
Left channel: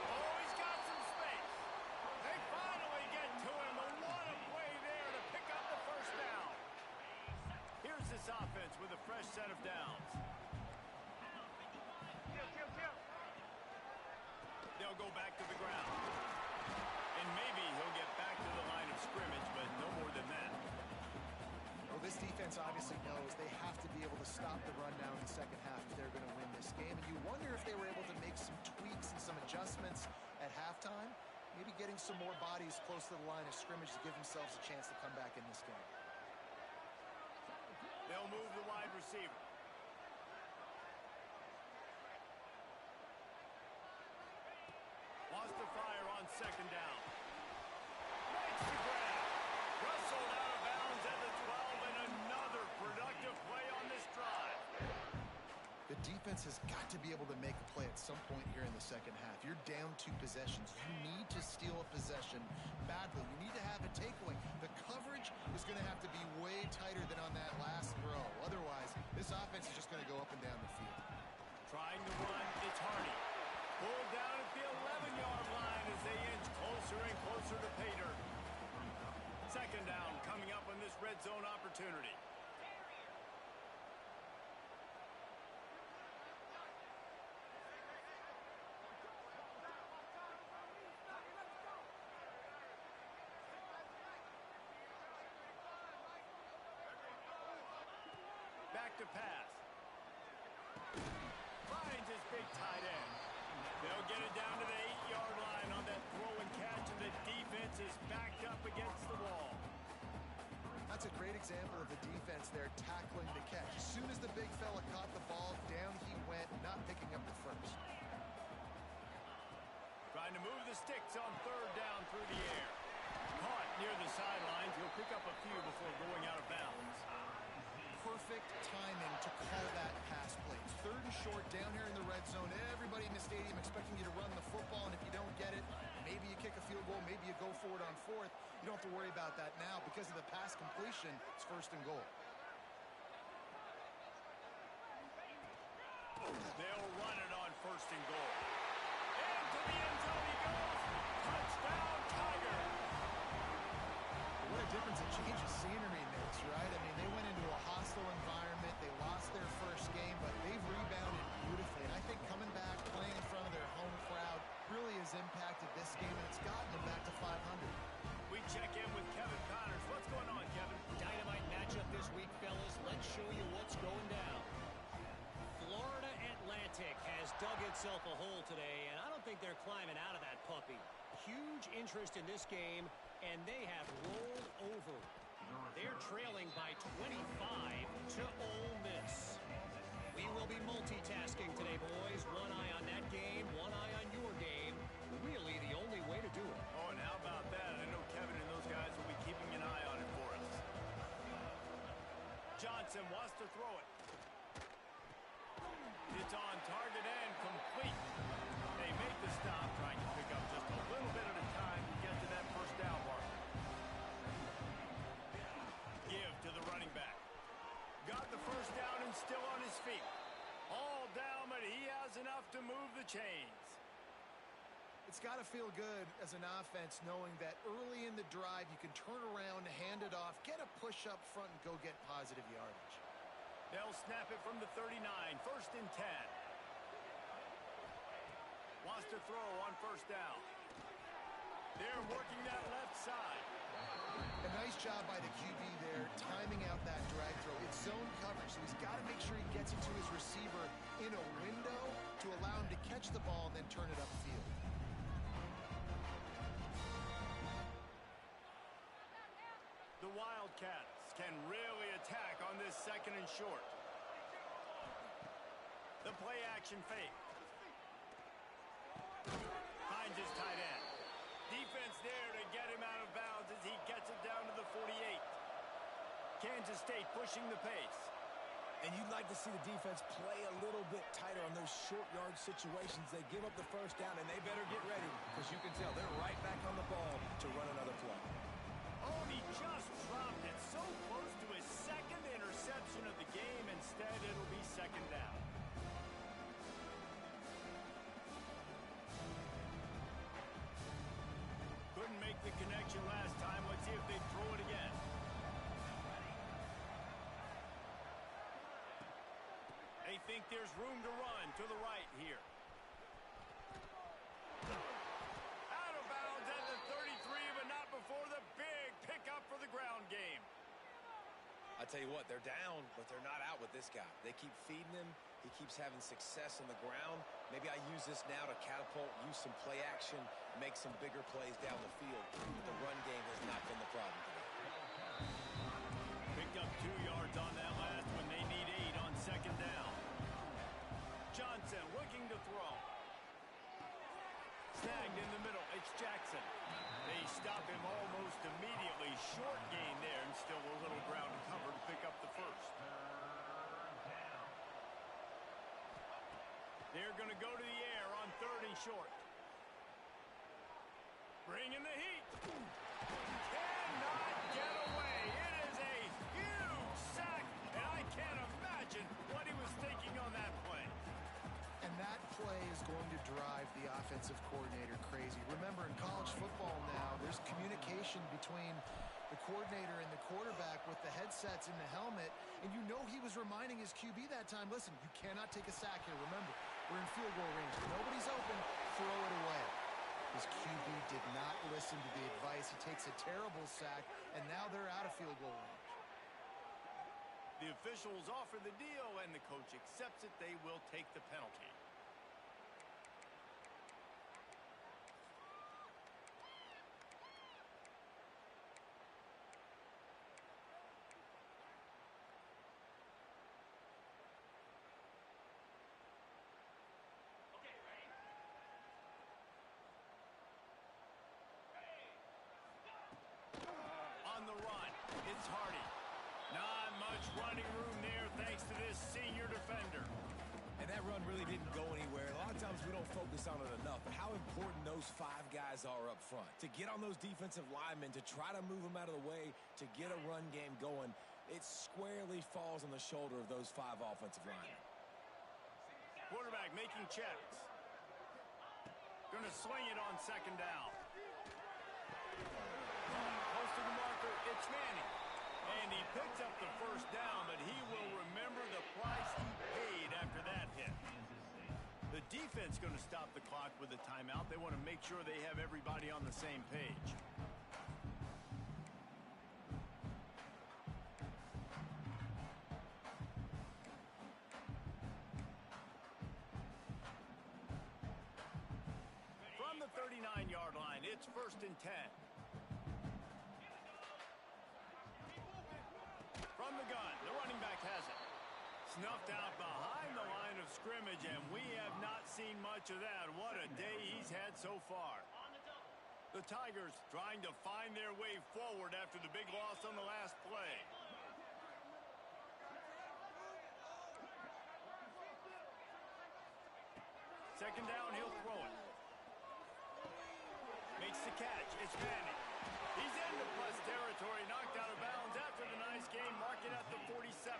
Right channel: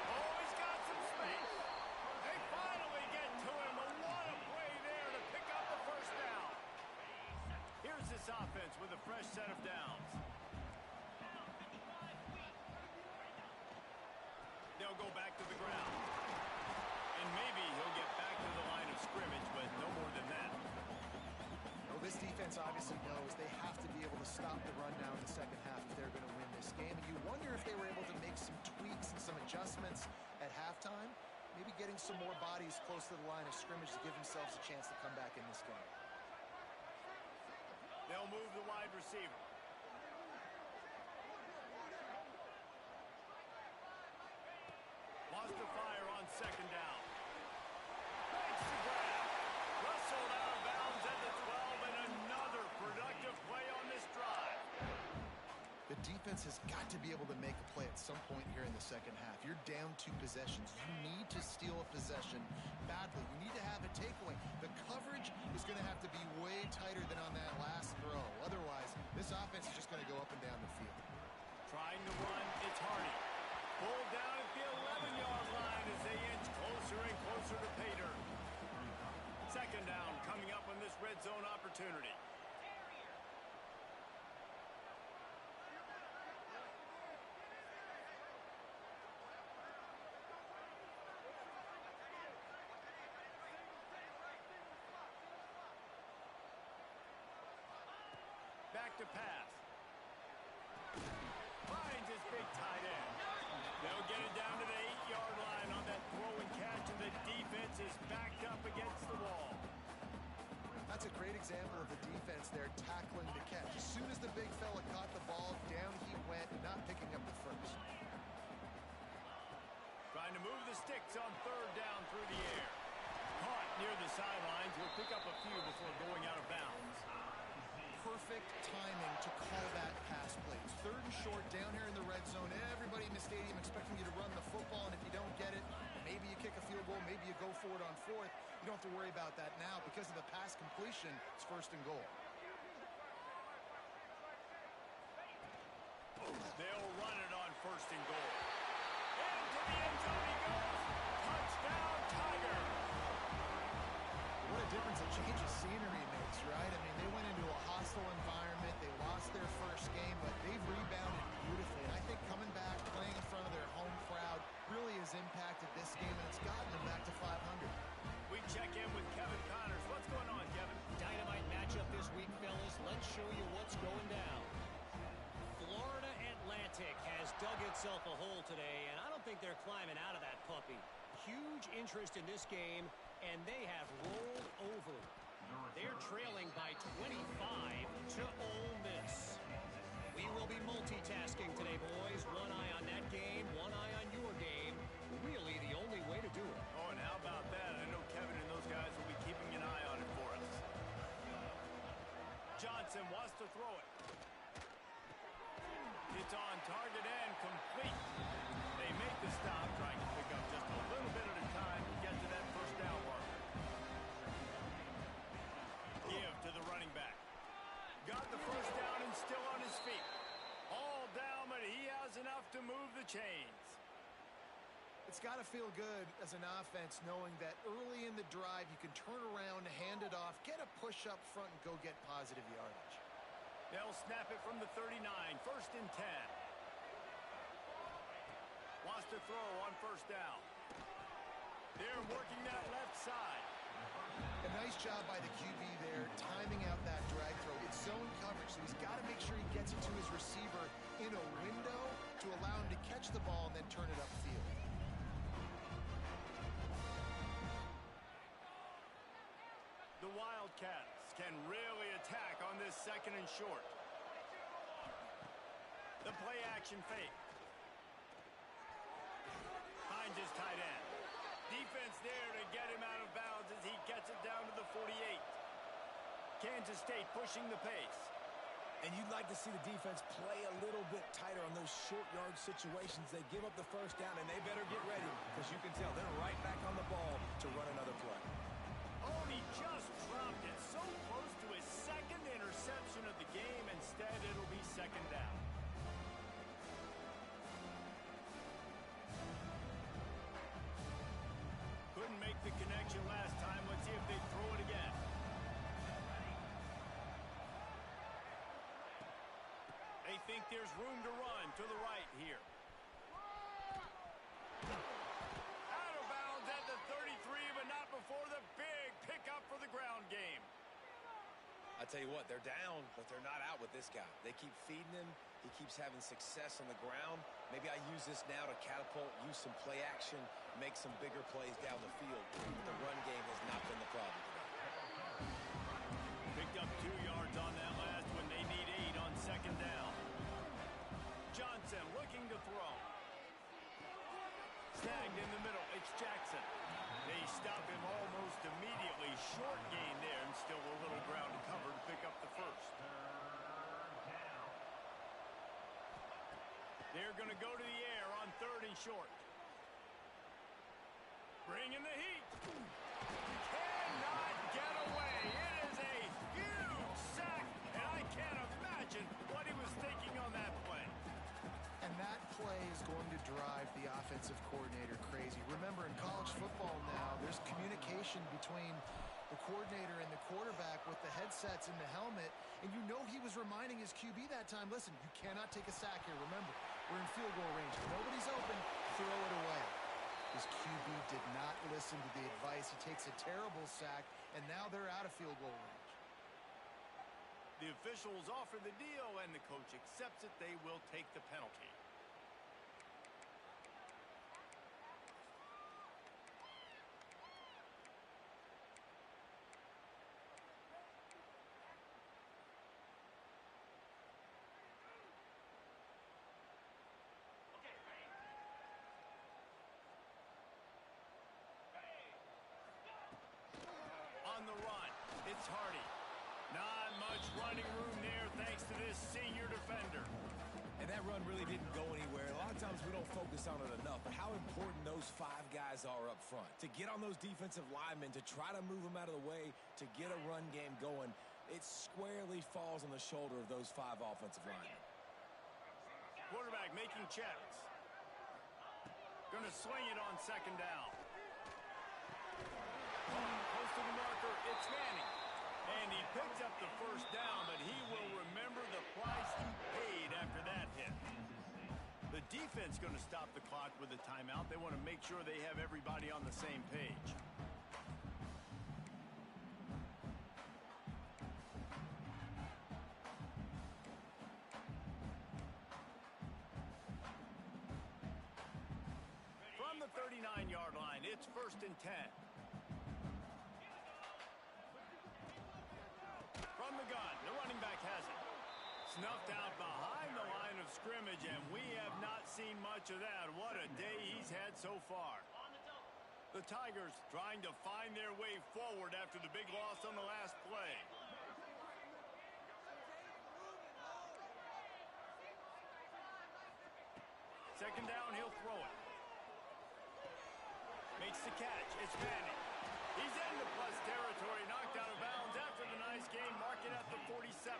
Oh, he's got some space. They finally get to him. And what a play there to pick up the first down. Here's this offense with a fresh set of downs. They'll go back to the ground. And maybe he'll get back to the line of scrimmage, but no more than that. Well, this defense obviously knows they have to be able to stop the run now in the second half if they're going to win this game. And you wonder if they were able to make some tweaks and some adjustments at halftime, maybe getting some more bodies close to the line of scrimmage to give themselves a chance to come back in this game. They'll move the wide receiver. Wants to fire on second down. Makes the grab. Rustled out of bounds at the 12, and another productive play on this drive. The defense has got to be able to make a play at some point here in the second half. You're down 2 possessions. You need to steal a possession badly. You need to have a takeaway. The coverage is going to have to be way tighter than on that last throw. Otherwise, this offense is just going to go up and down the field. Trying to run, it's Hardy. Pulled down at the 11-yard line as they inch closer and closer to pay dirt. Second down coming up on this red zone opportunity. Back to pass. Finds his big tight end. They'll get it down to the 8-yard line on that throw and catch, and the defense is backed up against the wall. That's a great example of the defense there tackling the catch. As soon as the big fella caught the ball, down he went, not picking up the first. Trying to move the sticks on third down through the air. Caught near the sidelines. He'll pick up a few before going out of bounds. Perfect timing to call that pass play. It's third and short down here in the red zone. Everybody in the stadium expecting you to run the football, and if you don't get it, maybe you kick a field goal, maybe you go for it on fourth. You don't have to worry about that now. Because of the pass completion, it's first and goal. They'll run it on first and goal. Into the end zone he goes. Touchdown, Tiger. What a difference a change of scenery makes, right? I mean, they went into a hostile environment. They lost their first game, but they've rebounded beautifully. And I think coming back, playing in front of their home crowd, really has impacted this game, and it's gotten them back to 500. We check in with Kevin Connors. What's going on, Kevin? Dynamite matchup this week, fellas. Let's show you what's going down. Florida Atlantic has dug itself a hole today, and I don't think they're climbing out of that puppy. Huge interest in this game, and they have rolled over. They're trailing by 25 to Ole Miss. We will be multitasking today, boys. One eye on that game, one eye on your game. Really the only way to do it. Oh, and how about that? I know Kevin and those guys will be keeping an eye on it for us. Johnson wants to throw it. It's on target and complete. They make the stop, trying to pick up just a little bit at a time to get to that first down marker. Give to the running back. Got the first down and still on his feet. All down, but he has enough to move the chains. It's got to feel good as an offense knowing that early in the drive you can turn around, hand it off, get a push up front, and go get positive yardage. They'll snap it from the 39, 1st and 10. Wants to throw on first down. They're working that left side. A nice job by the QB there, timing out that drag throw. It's zone coverage, so he's got to make sure he gets it to his receiver in a window to allow him to catch the ball and then turn it upfield. The Wildcats can really attack on this 2nd and short. The play action fake. Finds his tight end. Defense there to get him out of bounds as he gets it down to the 48. Kansas State pushing the pace. And you'd like to see the defense play a little bit tighter on those short yard situations. They give up the first down, and they better get ready because you can tell they're right back on the ball to run another play. Oh, he just dropped it so close to his 2nd interception of the game. Instead, it'll be 2nd down. Couldn't make the connection last time. Let's see if they throw it again. They think there's room to run to the right here. Out of bounds at the 33, but not before the big pickup for the ground game. I tell you what, they're down, but they're not out with this guy. They keep feeding him. He keeps having success on the ground. Maybe I use this now to catapult, use some play action, make some bigger plays down the field. But the run game has not been the problem today. Picked up 2 yards on that last one. They need 8 on 2nd down. Johnson looking to throw. Snagged in the middle. It's Jackson. They stop him almost immediately. Short gain there, and still a little ground to cover to pick up the first. They're going to go to the air on 3rd and short. Bringing the heat. Cannot get away. It is a huge sack, and I can't imagine what he was thinking on that play. And that play is going to drive the offensive coordinator crazy. Remember, in college football now, there's communication between the coordinator and the quarterback with the headsets in the helmet, and you know he was reminding his QB that time, listen, you cannot take a sack here. Remember, we're in field goal range. If nobody's open, throw it away. His QB did not listen to the advice. He takes a terrible sack, and now they're out of field goal range. The officials offer the deal, and the coach accepts it. They will take the penalty. On the run, it's Hardy. Not much running room there thanks to this senior defender. And that run really didn't go anywhere. A lot of times we don't focus on it enough, but how important those 5 guys are up front. To get on those defensive linemen, to try to move them out of the way, to get a run game going, it squarely falls on the shoulder of those 5 offensive linemen. Quarterback making checks. Going to swing it on 2nd down. Close to the marker, it's Manning. And he picks up the first down, but he will remember the price he paid after that hit. The defense going to stop the clock with a timeout. They want to make sure they have everybody on the same page. From the 39-yard line, it's 1st and 10. From the gun, the running back has it. Snuffed out behind the line of scrimmage, and we have not seen much of that. What a day he's had so far. The Tigers trying to find their way forward after the big loss on the last play. Second down, he'll throw it. Makes the catch. It's Manning. He's into plus territory, knocked out of bounds after the nice game, marking at the 47.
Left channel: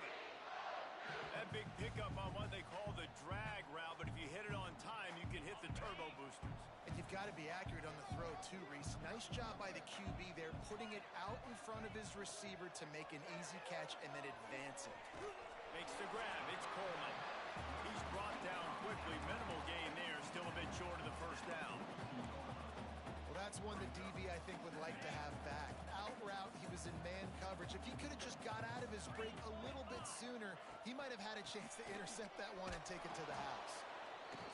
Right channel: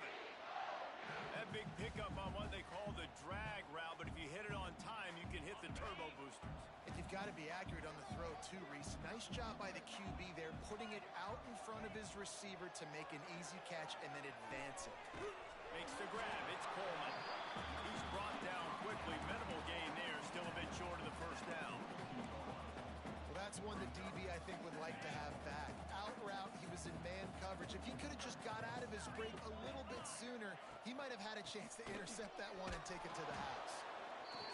That big pickup on what they call the drag route, but if you hit it on time, you can hit the turbo boosters. And you've got to be accurate on the throw, too, Reese. Nice job by the QB there, putting it out in front of his receiver to make an easy catch and then advance it. Makes the grab. It's Coleman. He's brought down quickly. Minimal gain there, still a bit short of the first down. Well, that's one the DB, I think, would like to have back. Out route, he was in man coverage. If he could have just got out of his break a little bit sooner, he might have had a chance to intercept that one and take it to the house.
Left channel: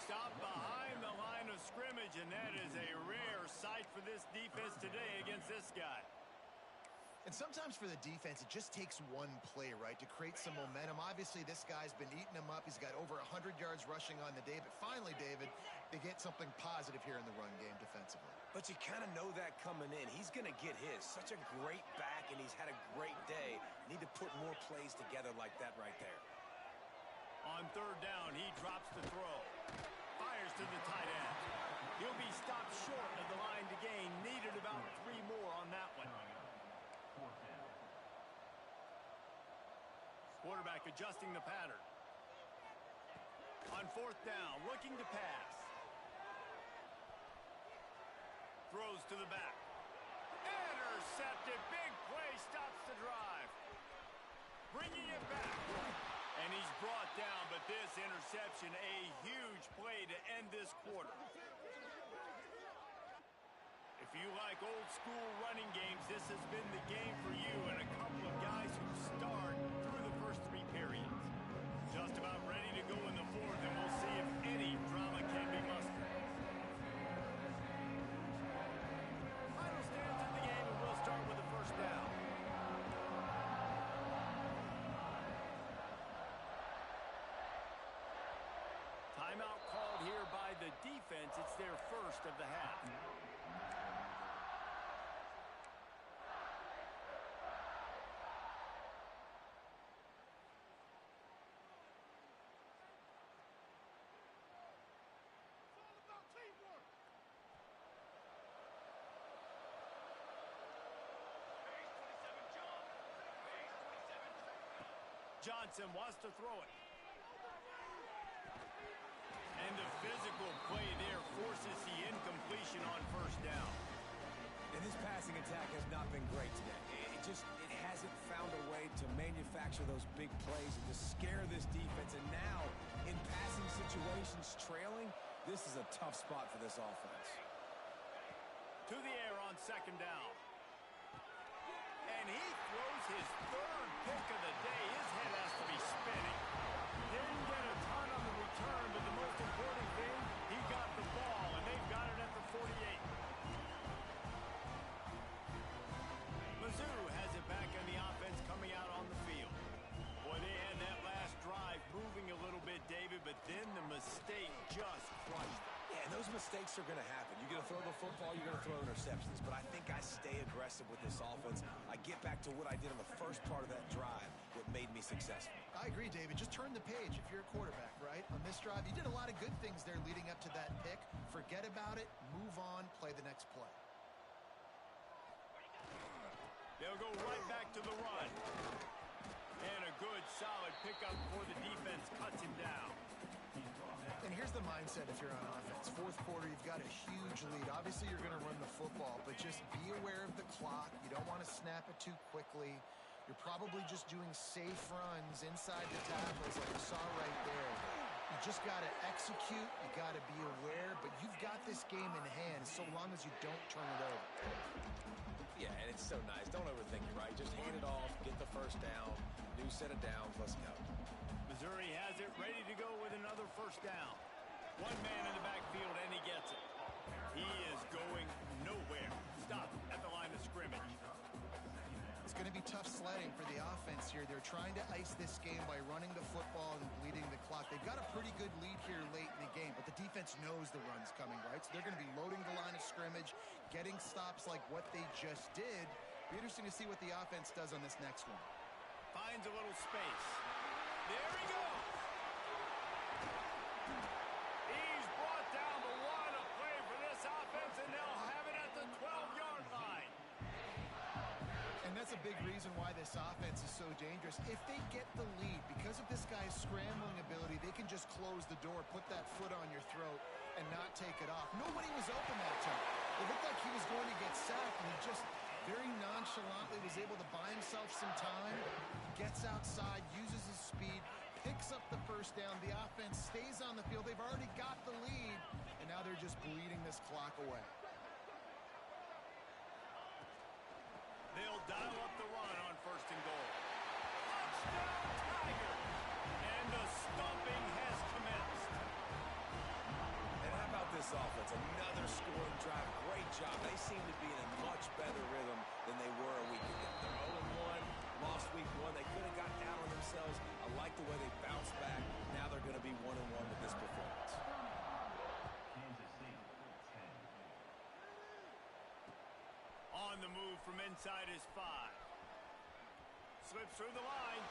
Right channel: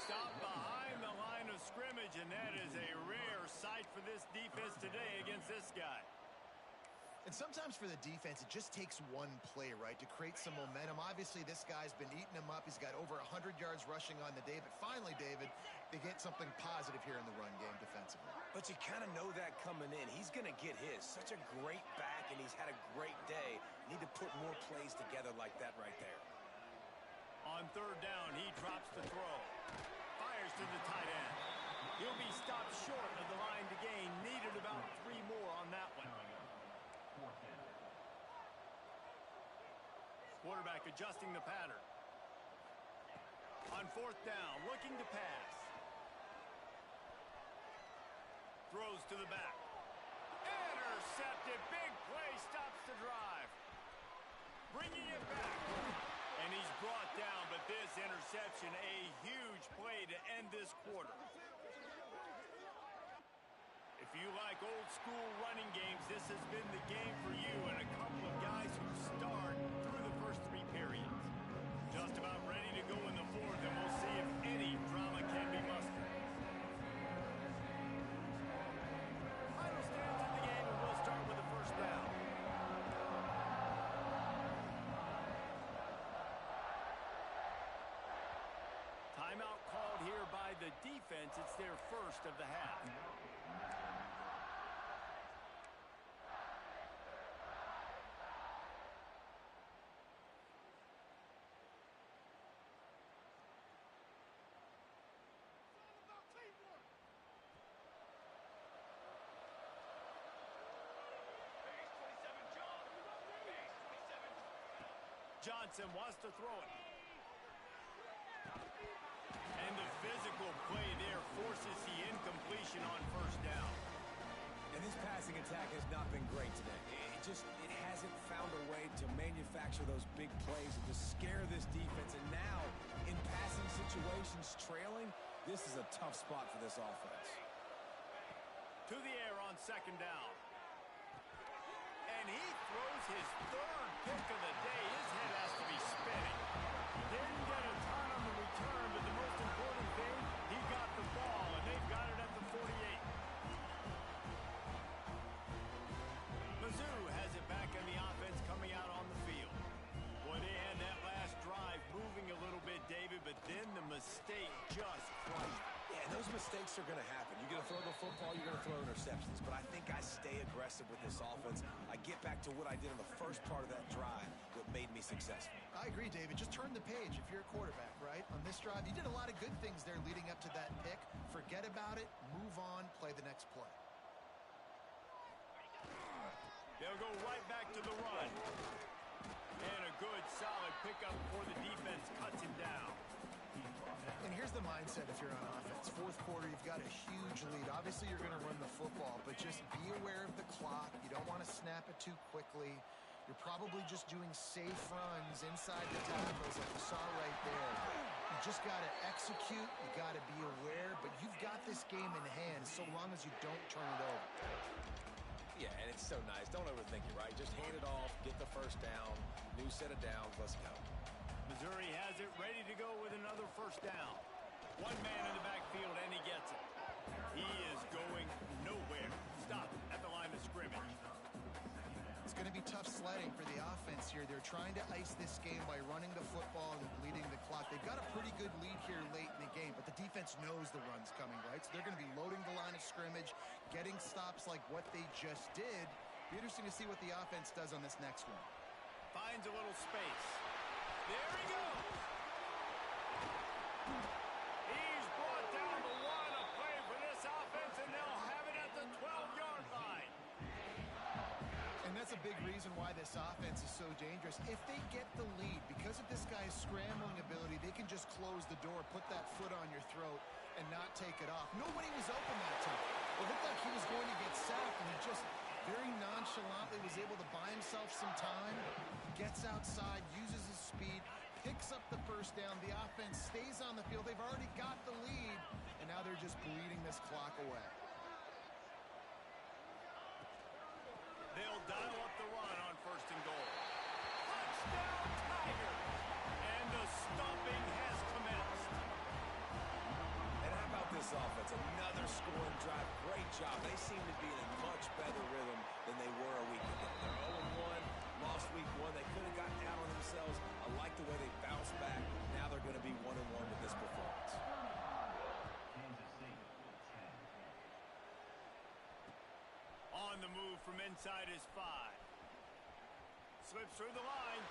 Stop behind the line of scrimmage, and that is a rare sight for this defense today against this guy. And sometimes for the defense, it just takes one play, right, to create some momentum. Obviously, this guy's been eating them up. He's got over 100 yards rushing on the day. But finally, David, they get something positive here in the run game defensively. But you kind of know that coming in. He's going to get his. Such a great back, and he's had a great day. Need to put more plays together like that right there. On third down, he drops the throw. Fires to the tight end. He'll be stopped short of the line to gain. Needed about 3 more on that one. Quarterback adjusting the pattern. On 4th down, looking to pass. Throws to the back. Intercepted. Big play stops the drive. Bringing it back. And he's brought down, but this interception, a huge play to end this quarter. If you like old school running games, this has been the game for you and a couple of guys who starred through the first 3 periods. Just about ready to go in the 4th, and we'll see if any drama can be mustered. Final stands in the game, and we'll start with the first down. Timeout called here by the defense. It's their first of the half. Johnson wants to throw it. And the physical play there forces the incompletion on first down. And this passing attack has not been great today. It hasn't found a way to manufacture those big plays and to scare this defense. And now, in passing situations, trailing, this is a tough spot for this offense. To the air on 2nd down. And he throws his 3rd pick of the day. His head has to be spinning. Didn't get a ton on the return, but the most important thing, he got the ball, and they've got it at the 48. Mizzou has it back on the offense coming out on the field. Boy, they had that last drive moving a little bit, David, but then the mistake just crushed it. Yeah, and those mistakes are going to happen. You're going to throw the football, you're going to throw interceptions. But I think I stay aggressive with this offense. I get back to what I did on the first part of that drive, what made me successful. I agree, David. Just turn the page if you're a quarterback, right? On this drive, you did a lot of good things there leading up to that pick. Forget about it, move on, play the next play. They'll go right back to the run. And a good, solid pickup before the defense cuts him down. And here's the mindset if you're on offense. 4th quarter, you've got a huge lead. Obviously, you're going to run the football, but just be aware of the clock. You don't want to snap it too quickly. You're probably just doing safe runs inside the tackles like you saw right there. You just got to execute. You got to be aware. But you've got this game in hand so long as you don't turn it over. Yeah, and it's so nice. Don't overthink it, right? Just hand it off, get the first down, new set of downs, let's go. Missouri has it ready to go with another first down. One man in the backfield, and he gets it. He is going nowhere. Stop at the line of scrimmage. It's going to be tough sledding for the offense here. They're trying to ice this game by running the football and bleeding the clock. They've got a pretty good lead here late in the game, but the defense knows the run's coming, right? So they're going to be loading the line of scrimmage, getting stops like what they just did. Be interesting to see what the offense does on this next one. Finds a little space. There he goes. He's brought down the one, a play for this offense, and they'll have it at the 12-yard line. And that's a big reason why this offense is so dangerous. If they get the lead, because of this guy's scrambling ability, they can just close the door, put that foot on your throat, and not take it off. Nobody was open that time. It looked like he was going to get sacked, and he just very nonchalantly was able to buy himself some time. He gets outside, uses his speed, picks up the first down. The offense stays on the field. They've already got the lead, and now they're just bleeding this clock away. They'll dial up the run on first and goal. Touchdown, Tigers! And the stomping has commenced. And how about this offense? Another scoring drive. Great job. They seem to be in a much better rhythm than they were a week ago. They're 0-1, lost week 1. They could have gotten out on themselves. I like the way they bounced back. Now they're going to be 1-1 with this performance. Kansas State, 10. On the move from inside his 5. Slips through the line.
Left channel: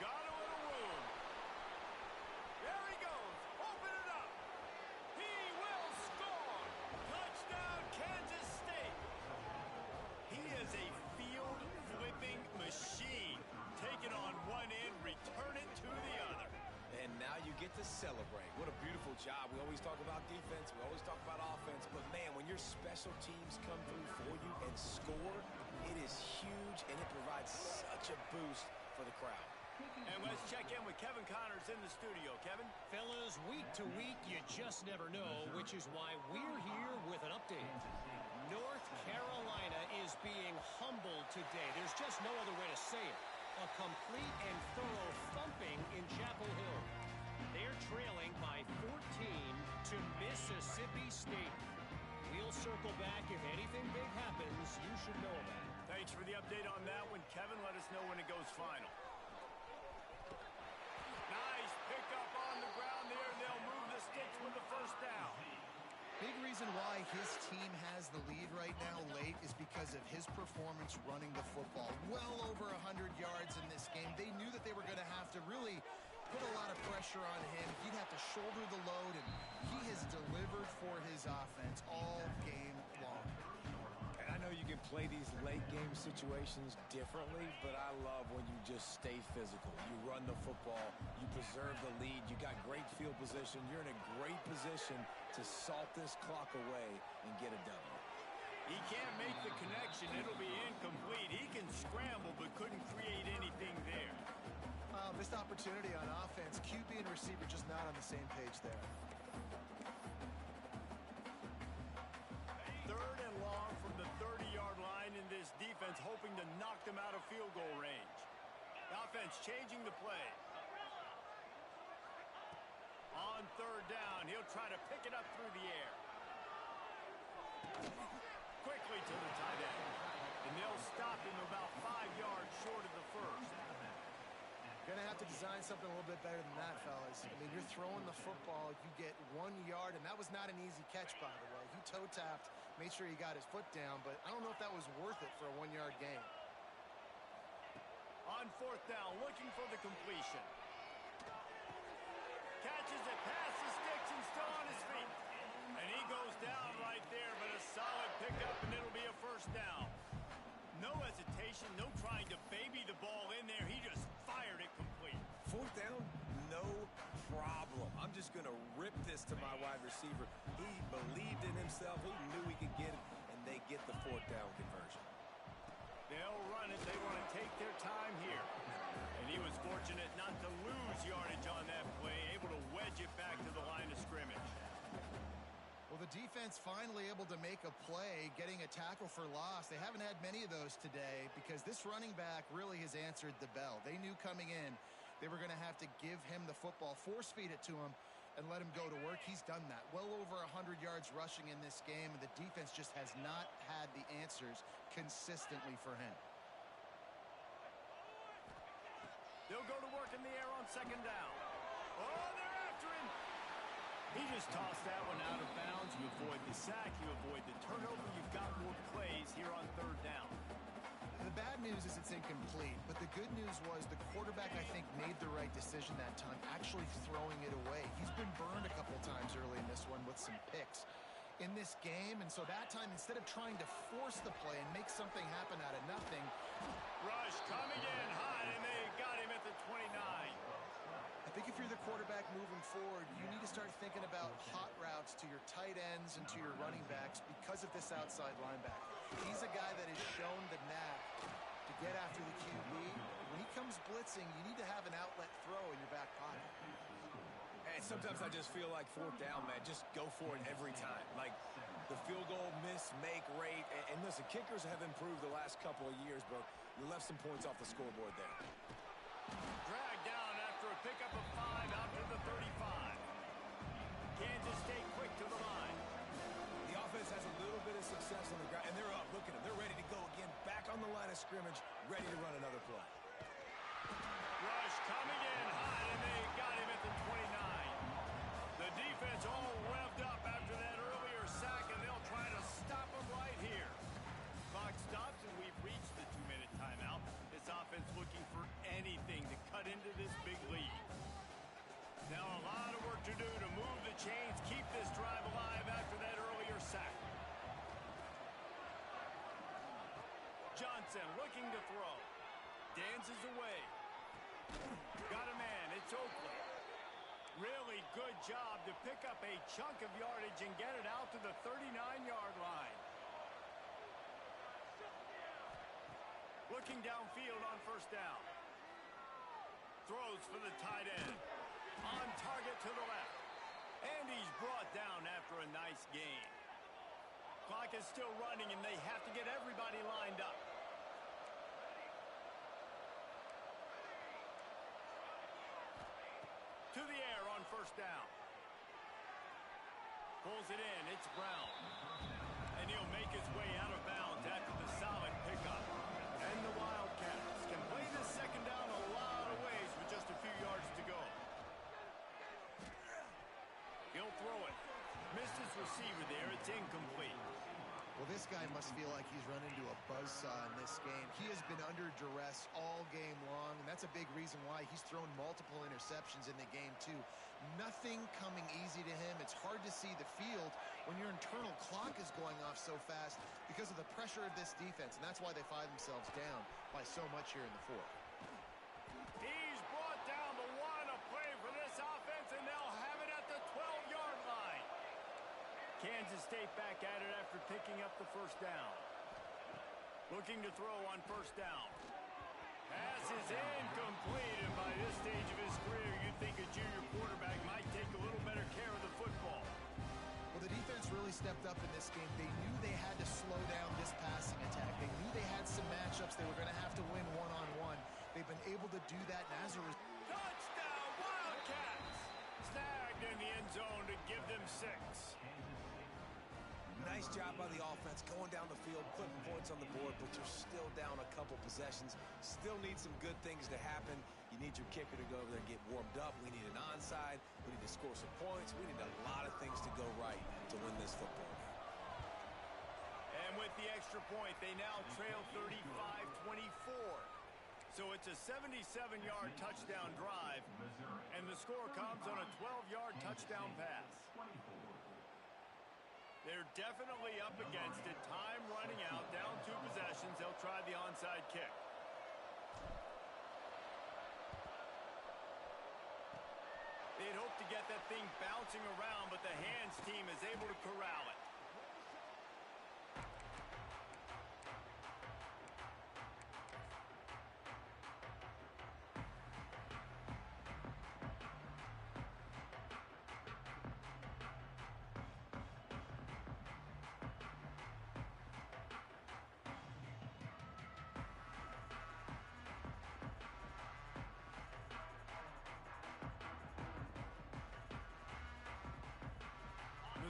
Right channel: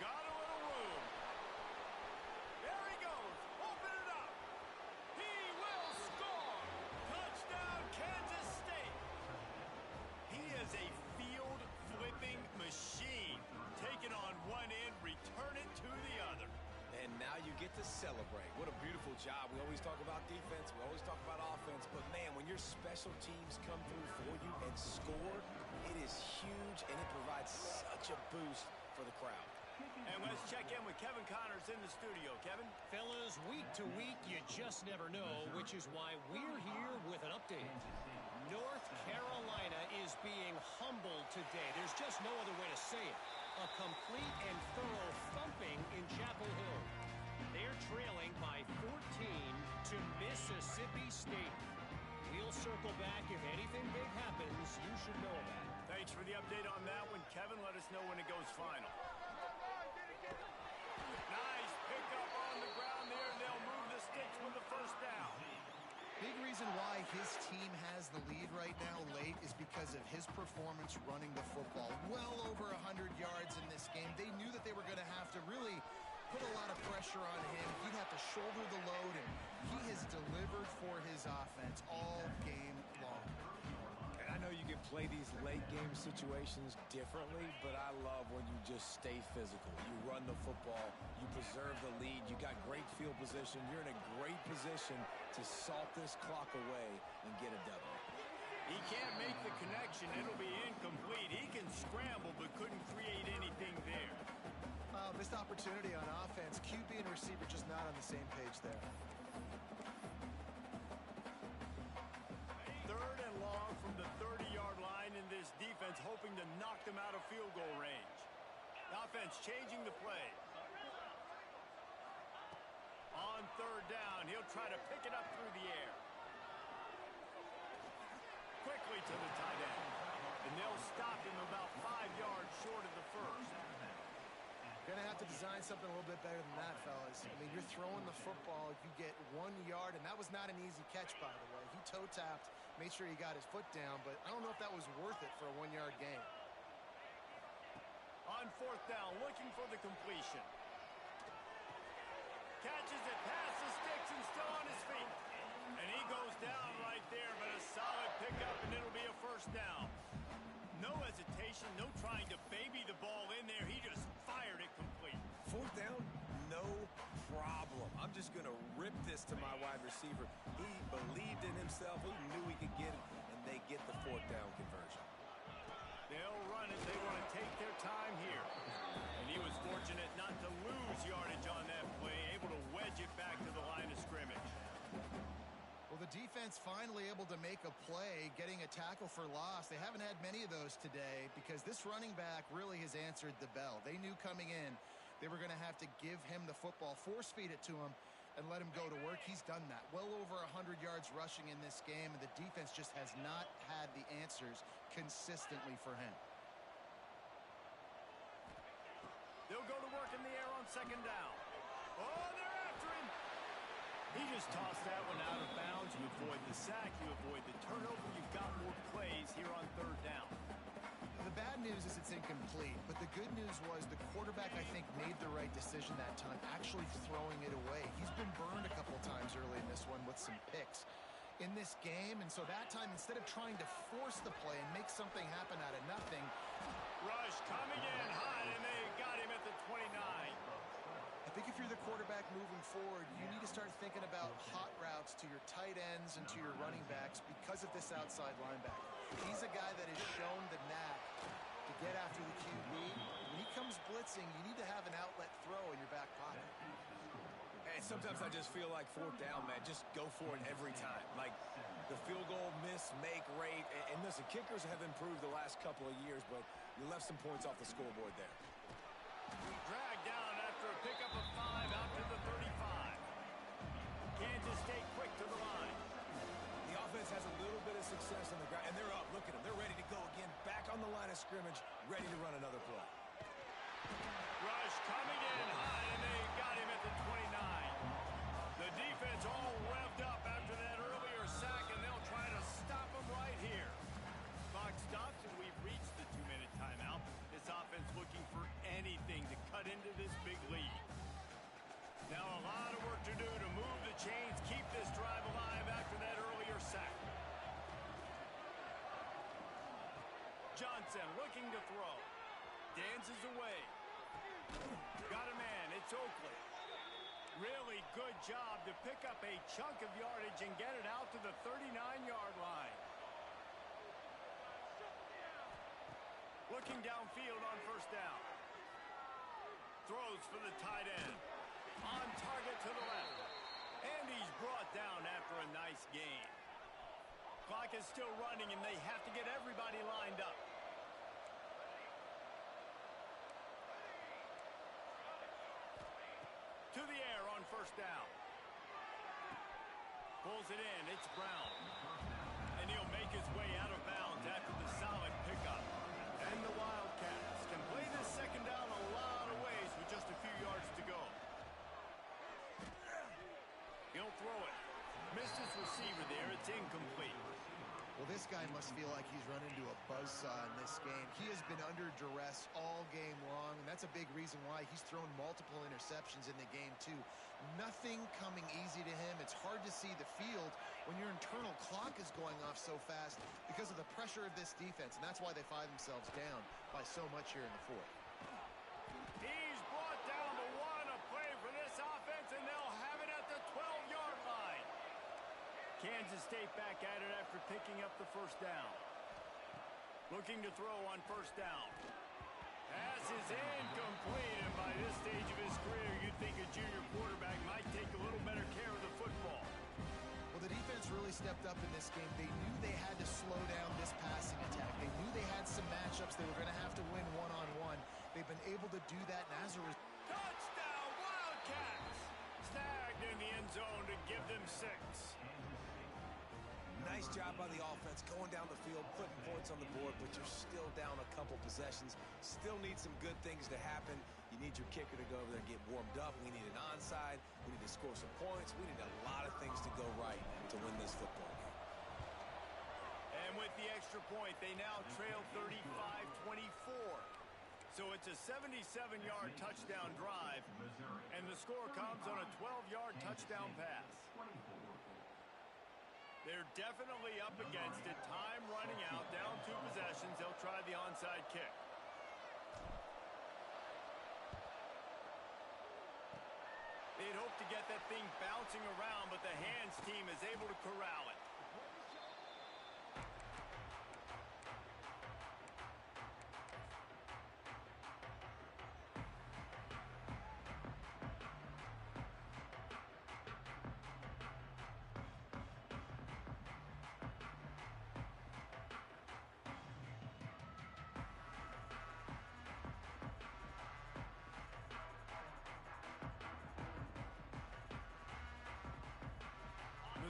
Got a little room. There he goes. Open it up. He will score. Touchdown, Kansas State. He is a field-flipping machine. Take it on one end, return it to the other. And now you get to celebrate. What a beautiful job. We always talk about defense. We always talk about offense. But, man, when your special teams come through for you and score, it is huge, and it provides such a boost for the crowd. And let's check in with Kevin Connors in the studio. Kevin? Fellas, week to week, you just never know, which is why we're here with an update. North Carolina is being humbled today. There's just no other way to say it. A complete and thorough thumping in Chapel Hill. They're trailing by 14 to Mississippi State. We'll circle back. If anything big happens, you should know about it. Thanks for the update on that one, Kevin. Let us know when it goes final. Nice pickup on the ground there. They'll move the sticks with the first down. Big reason why his team has the lead right now late is because of his performance running the football. Well over 100 yards in this game. They knew that they were going to have to really put a lot of pressure on him. He'd have to shoulder the load, and he has delivered for his offense all game long. And I know you can play these late game situations differently, but I love when you just stay physical. You run the football, you preserve the lead, you got great field position, you're in a great position to salt this clock away and get a W. He can't make the connection. It'll be incomplete. He can scramble but couldn't create anything there. Missed opportunity on offense. QB and receiver just not on the same page there. Third and long from the 30-yard line, in this defense hoping to knock them out of field goal range. The offense changing the play. On third down, he'll try to pick it up through the air. Quickly to the tight end. And they'll stop him about 5 yards short of the first. Going to have to design something a little bit better than that, fellas. I mean, you're throwing the football, you get 1 yard, and that was not an easy catch, by the way. He toe-tapped, made sure he got his foot down, but I don't know if that was worth it for a 1-yard gain. On fourth down, looking for the completion. Catches it past the sticks and still on his feet. And he goes down right there, but a solid pickup, and it'll be a first down. No hesitation, no trying to baby the ball in there. He just fired it complete. Fourth down, no problem. I'm just going to rip this to my wide receiver. He believed in himself. He knew he could get it, and they get the fourth down conversion. They'll run it. They want to take their Well, the defense finally able to make a play, getting a tackle for loss. They haven't had many of those today because this running back really has answered the bell. They knew coming in they were going to have to give him the football, force feed it to him, and let him go to work. He's done that. Well over 100 yards rushing in this game, and the defense just has not had the answers consistently for him. They'll go to work in the air on second down. Oh, they're after him. He just tossed that one out of bounds. You avoid the sack. You avoid the turnover. You've got more plays here on third down. The bad news is it's incomplete, but the good news was the quarterback, I think, made the right decision that time, actually throwing it away. He's been burned a couple times early in this one with some picks in this game, and so that time, instead of trying to force the play and make something happen out of nothing. Rush coming in hot, and they got him at the 29. I think if you're the quarterback moving forward, you need to start thinking about hot routes to your tight ends and to your running backs because of this outside linebacker. He's a guy that has shown the knack to get after the QB. When he comes blitzing, you need to have an outlet throw in your back pocket. And sometimes I just feel like fourth down, man, just go for it every time. Like the field goal miss-make rate. And listen, kickers have improved the last couple of years, but you left some points off the scoreboard there. Dragged down after a pickup of 5 out to the 35. Kansas State quick to the line. The offense has a little bit of success on the ground, and they're up. Look at them. They're ready to go again. Back on the line of scrimmage, ready to run another play. Rush coming in hot, and they got him at the 29. The defense all revved up after that earlier sack, and they'll try to stop him right here. Clock stops, and we've reached the 2-minute timeout. This offense looking for anything to cut into this big lead. Now a lot of work to do to move the chains, keep this drive alive after that earlier sack. Johnson looking to throw. Dances away. Got a man. It's Oakley. Really good job to pick up a chunk of yardage and get it out to the 39-yard line. Looking downfield on first down. Throws for the tight end. On target to the left. And he's brought down after a nice gain. Clock is still running, and they have to get everybody lined up. To the air on first down. Pulls it in. It's Brown. And he'll make his way out of bounds after the solid pickup. And the Wildcats can play this second down a lot of ways with just a few yards to go. He'll throw it. Missed his receiver there. It's incomplete. Well, this guy must feel like he's run into a buzzsaw in this game. He has been under duress all game long, and that's a big reason why he's thrown multiple interceptions in the game, too. Nothing coming easy to him. It's hard to see the field when your internal clock is going off so fast because of the pressure of this defense, and that's why they find themselves down by so much here in the fourth. He's brought down the one, a play for this offense, and they'll have it at the 12-yard line. Kansas State back at it after picking up the first down. Looking to throw on first down. Pass is incomplete, and by this stage of his career, you'd think a junior quarterback might take a little better care of the football. Well, the defense really stepped up in this game. They knew they had to slow down this passing attack. They knew they had some matchups they were going to have to win one-on-one. They've been able to do that, and as a result... Touchdown, Wildcats! Snagged in the end zone to give them 6. Nice job by the offense going down the field, putting points on the board, but you're still down a couple possessions. Still need some good things to happen. You need your kicker to go over there and get warmed up. We need an onside. We need to score some points. We need a lot of things to go right to win this football game. And with the extra point, they now trail 35-24. So it's a 77-yard touchdown drive, and the score comes on a 12-yard touchdown pass. They're definitely up against it. Time running out. Down 2 possessions. They'll try the onside kick. They'd hoped to get that thing bouncing around, but the hands team is able to corral it.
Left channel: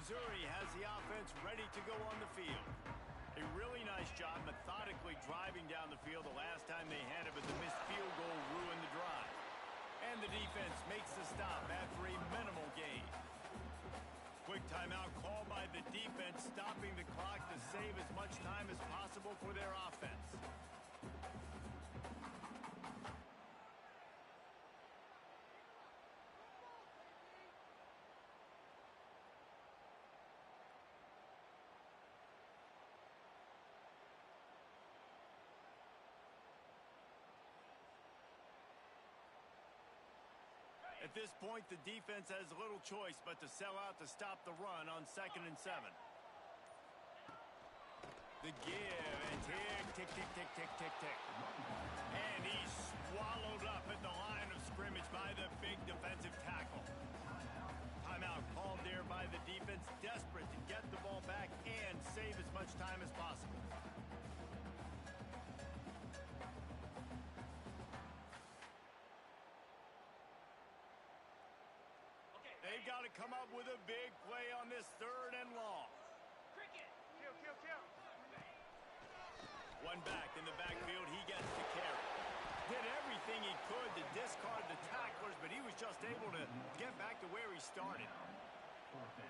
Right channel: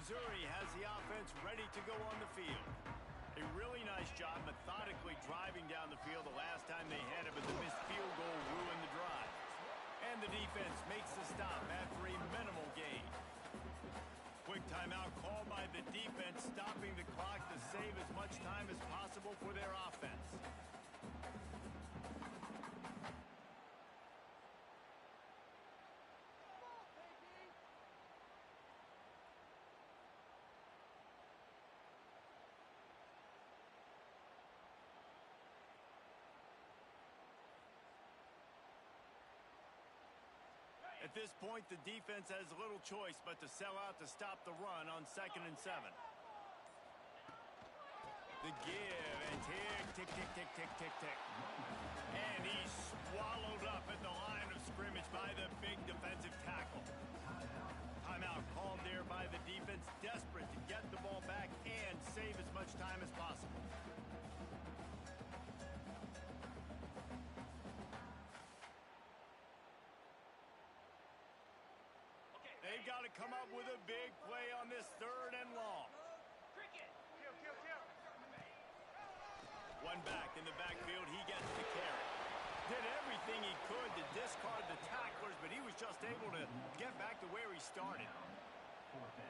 Missouri has the offense ready to go on the field. A really nice job methodically driving down the field the last time they had it, but the missed field goal ruined the drive. And the defense makes the stop after a minimal gain. Quick timeout called by the defense, stopping the clock to save as much time as possible for their offense. At this point, the defense has little choice but to sell out to stop the run on 2nd and 7. The give, and tick, tick, tick, tick, tick, tick, tick. And he's swallowed up at the line of scrimmage by the big defensive tackle. Timeout called there by the defense, desperate to get the ball back and save as much time as possible. They've got to come up with a big play on this 3rd and long. Cricket. Kill. One back in the backfield, he gets to carry. Did everything he could to discard the tacklers, but he was just able to get back to where he started.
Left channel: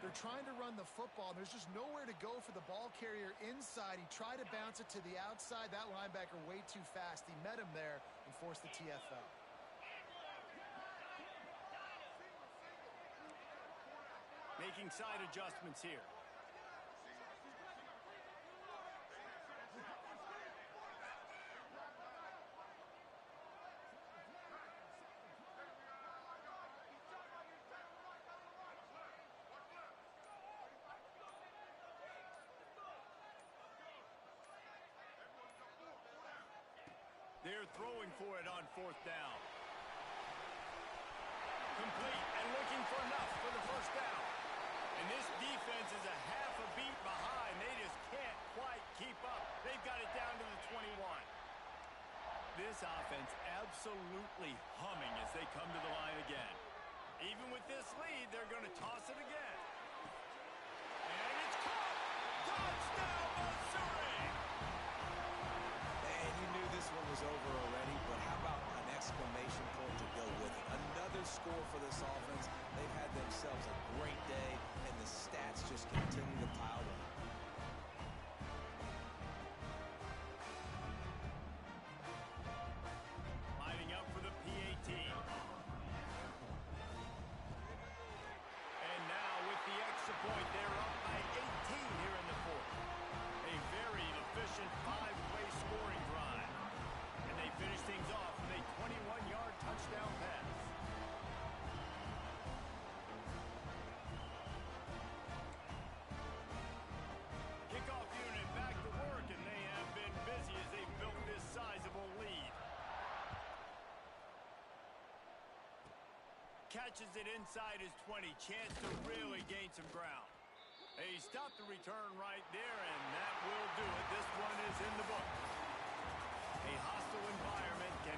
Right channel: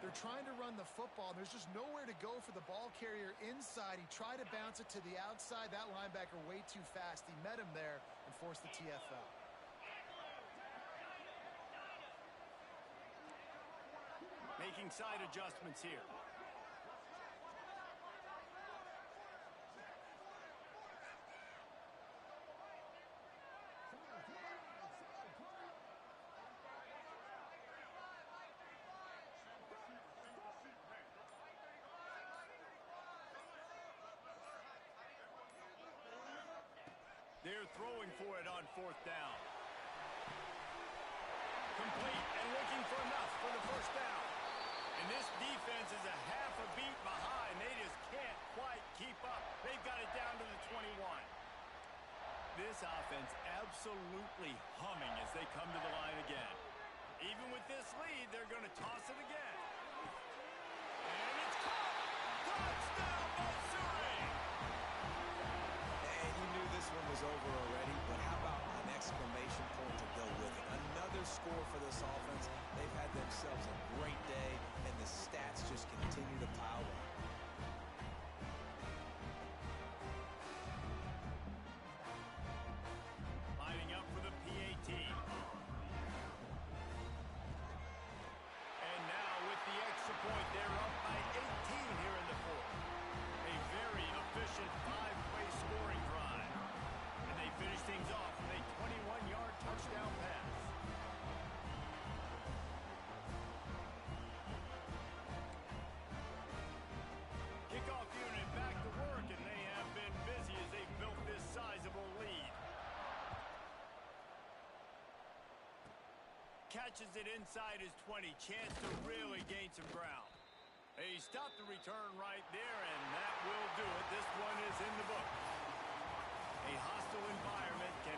They're trying to run the football, and there's just nowhere to go for the ball carrier inside. He tried to bounce it to the outside. That linebacker way too fast. He met him there and forced the TFL. Making side adjustments here. They're throwing for it on 4th down. Complete and looking for enough for the 1st down. And this defense is a half a beat behind. They just can't quite keep up. They've got it down to the 21. This offense absolutely humming as they come to the line again. Even with this lead, they're going to toss it again. And it's caught! Touchdown, Missouri! And you knew this one was over already, but how about an exclamation point to go with it? Another score for this offense. They've had themselves a great day, and the stats just continue to pile up. Lining up for the PAT. And now with the extra point, they're up by 18 here in the 4th. A very efficient 5-play scoring drive. And they finish things off with a 21-yard touchdown pass. Kickoff unit back to work, and they have been busy as they built this sizable lead. Catches it inside his 20. Chance to really gain some ground. He stopped the return right there, and that will do it. This one is in the book. A hostile environment can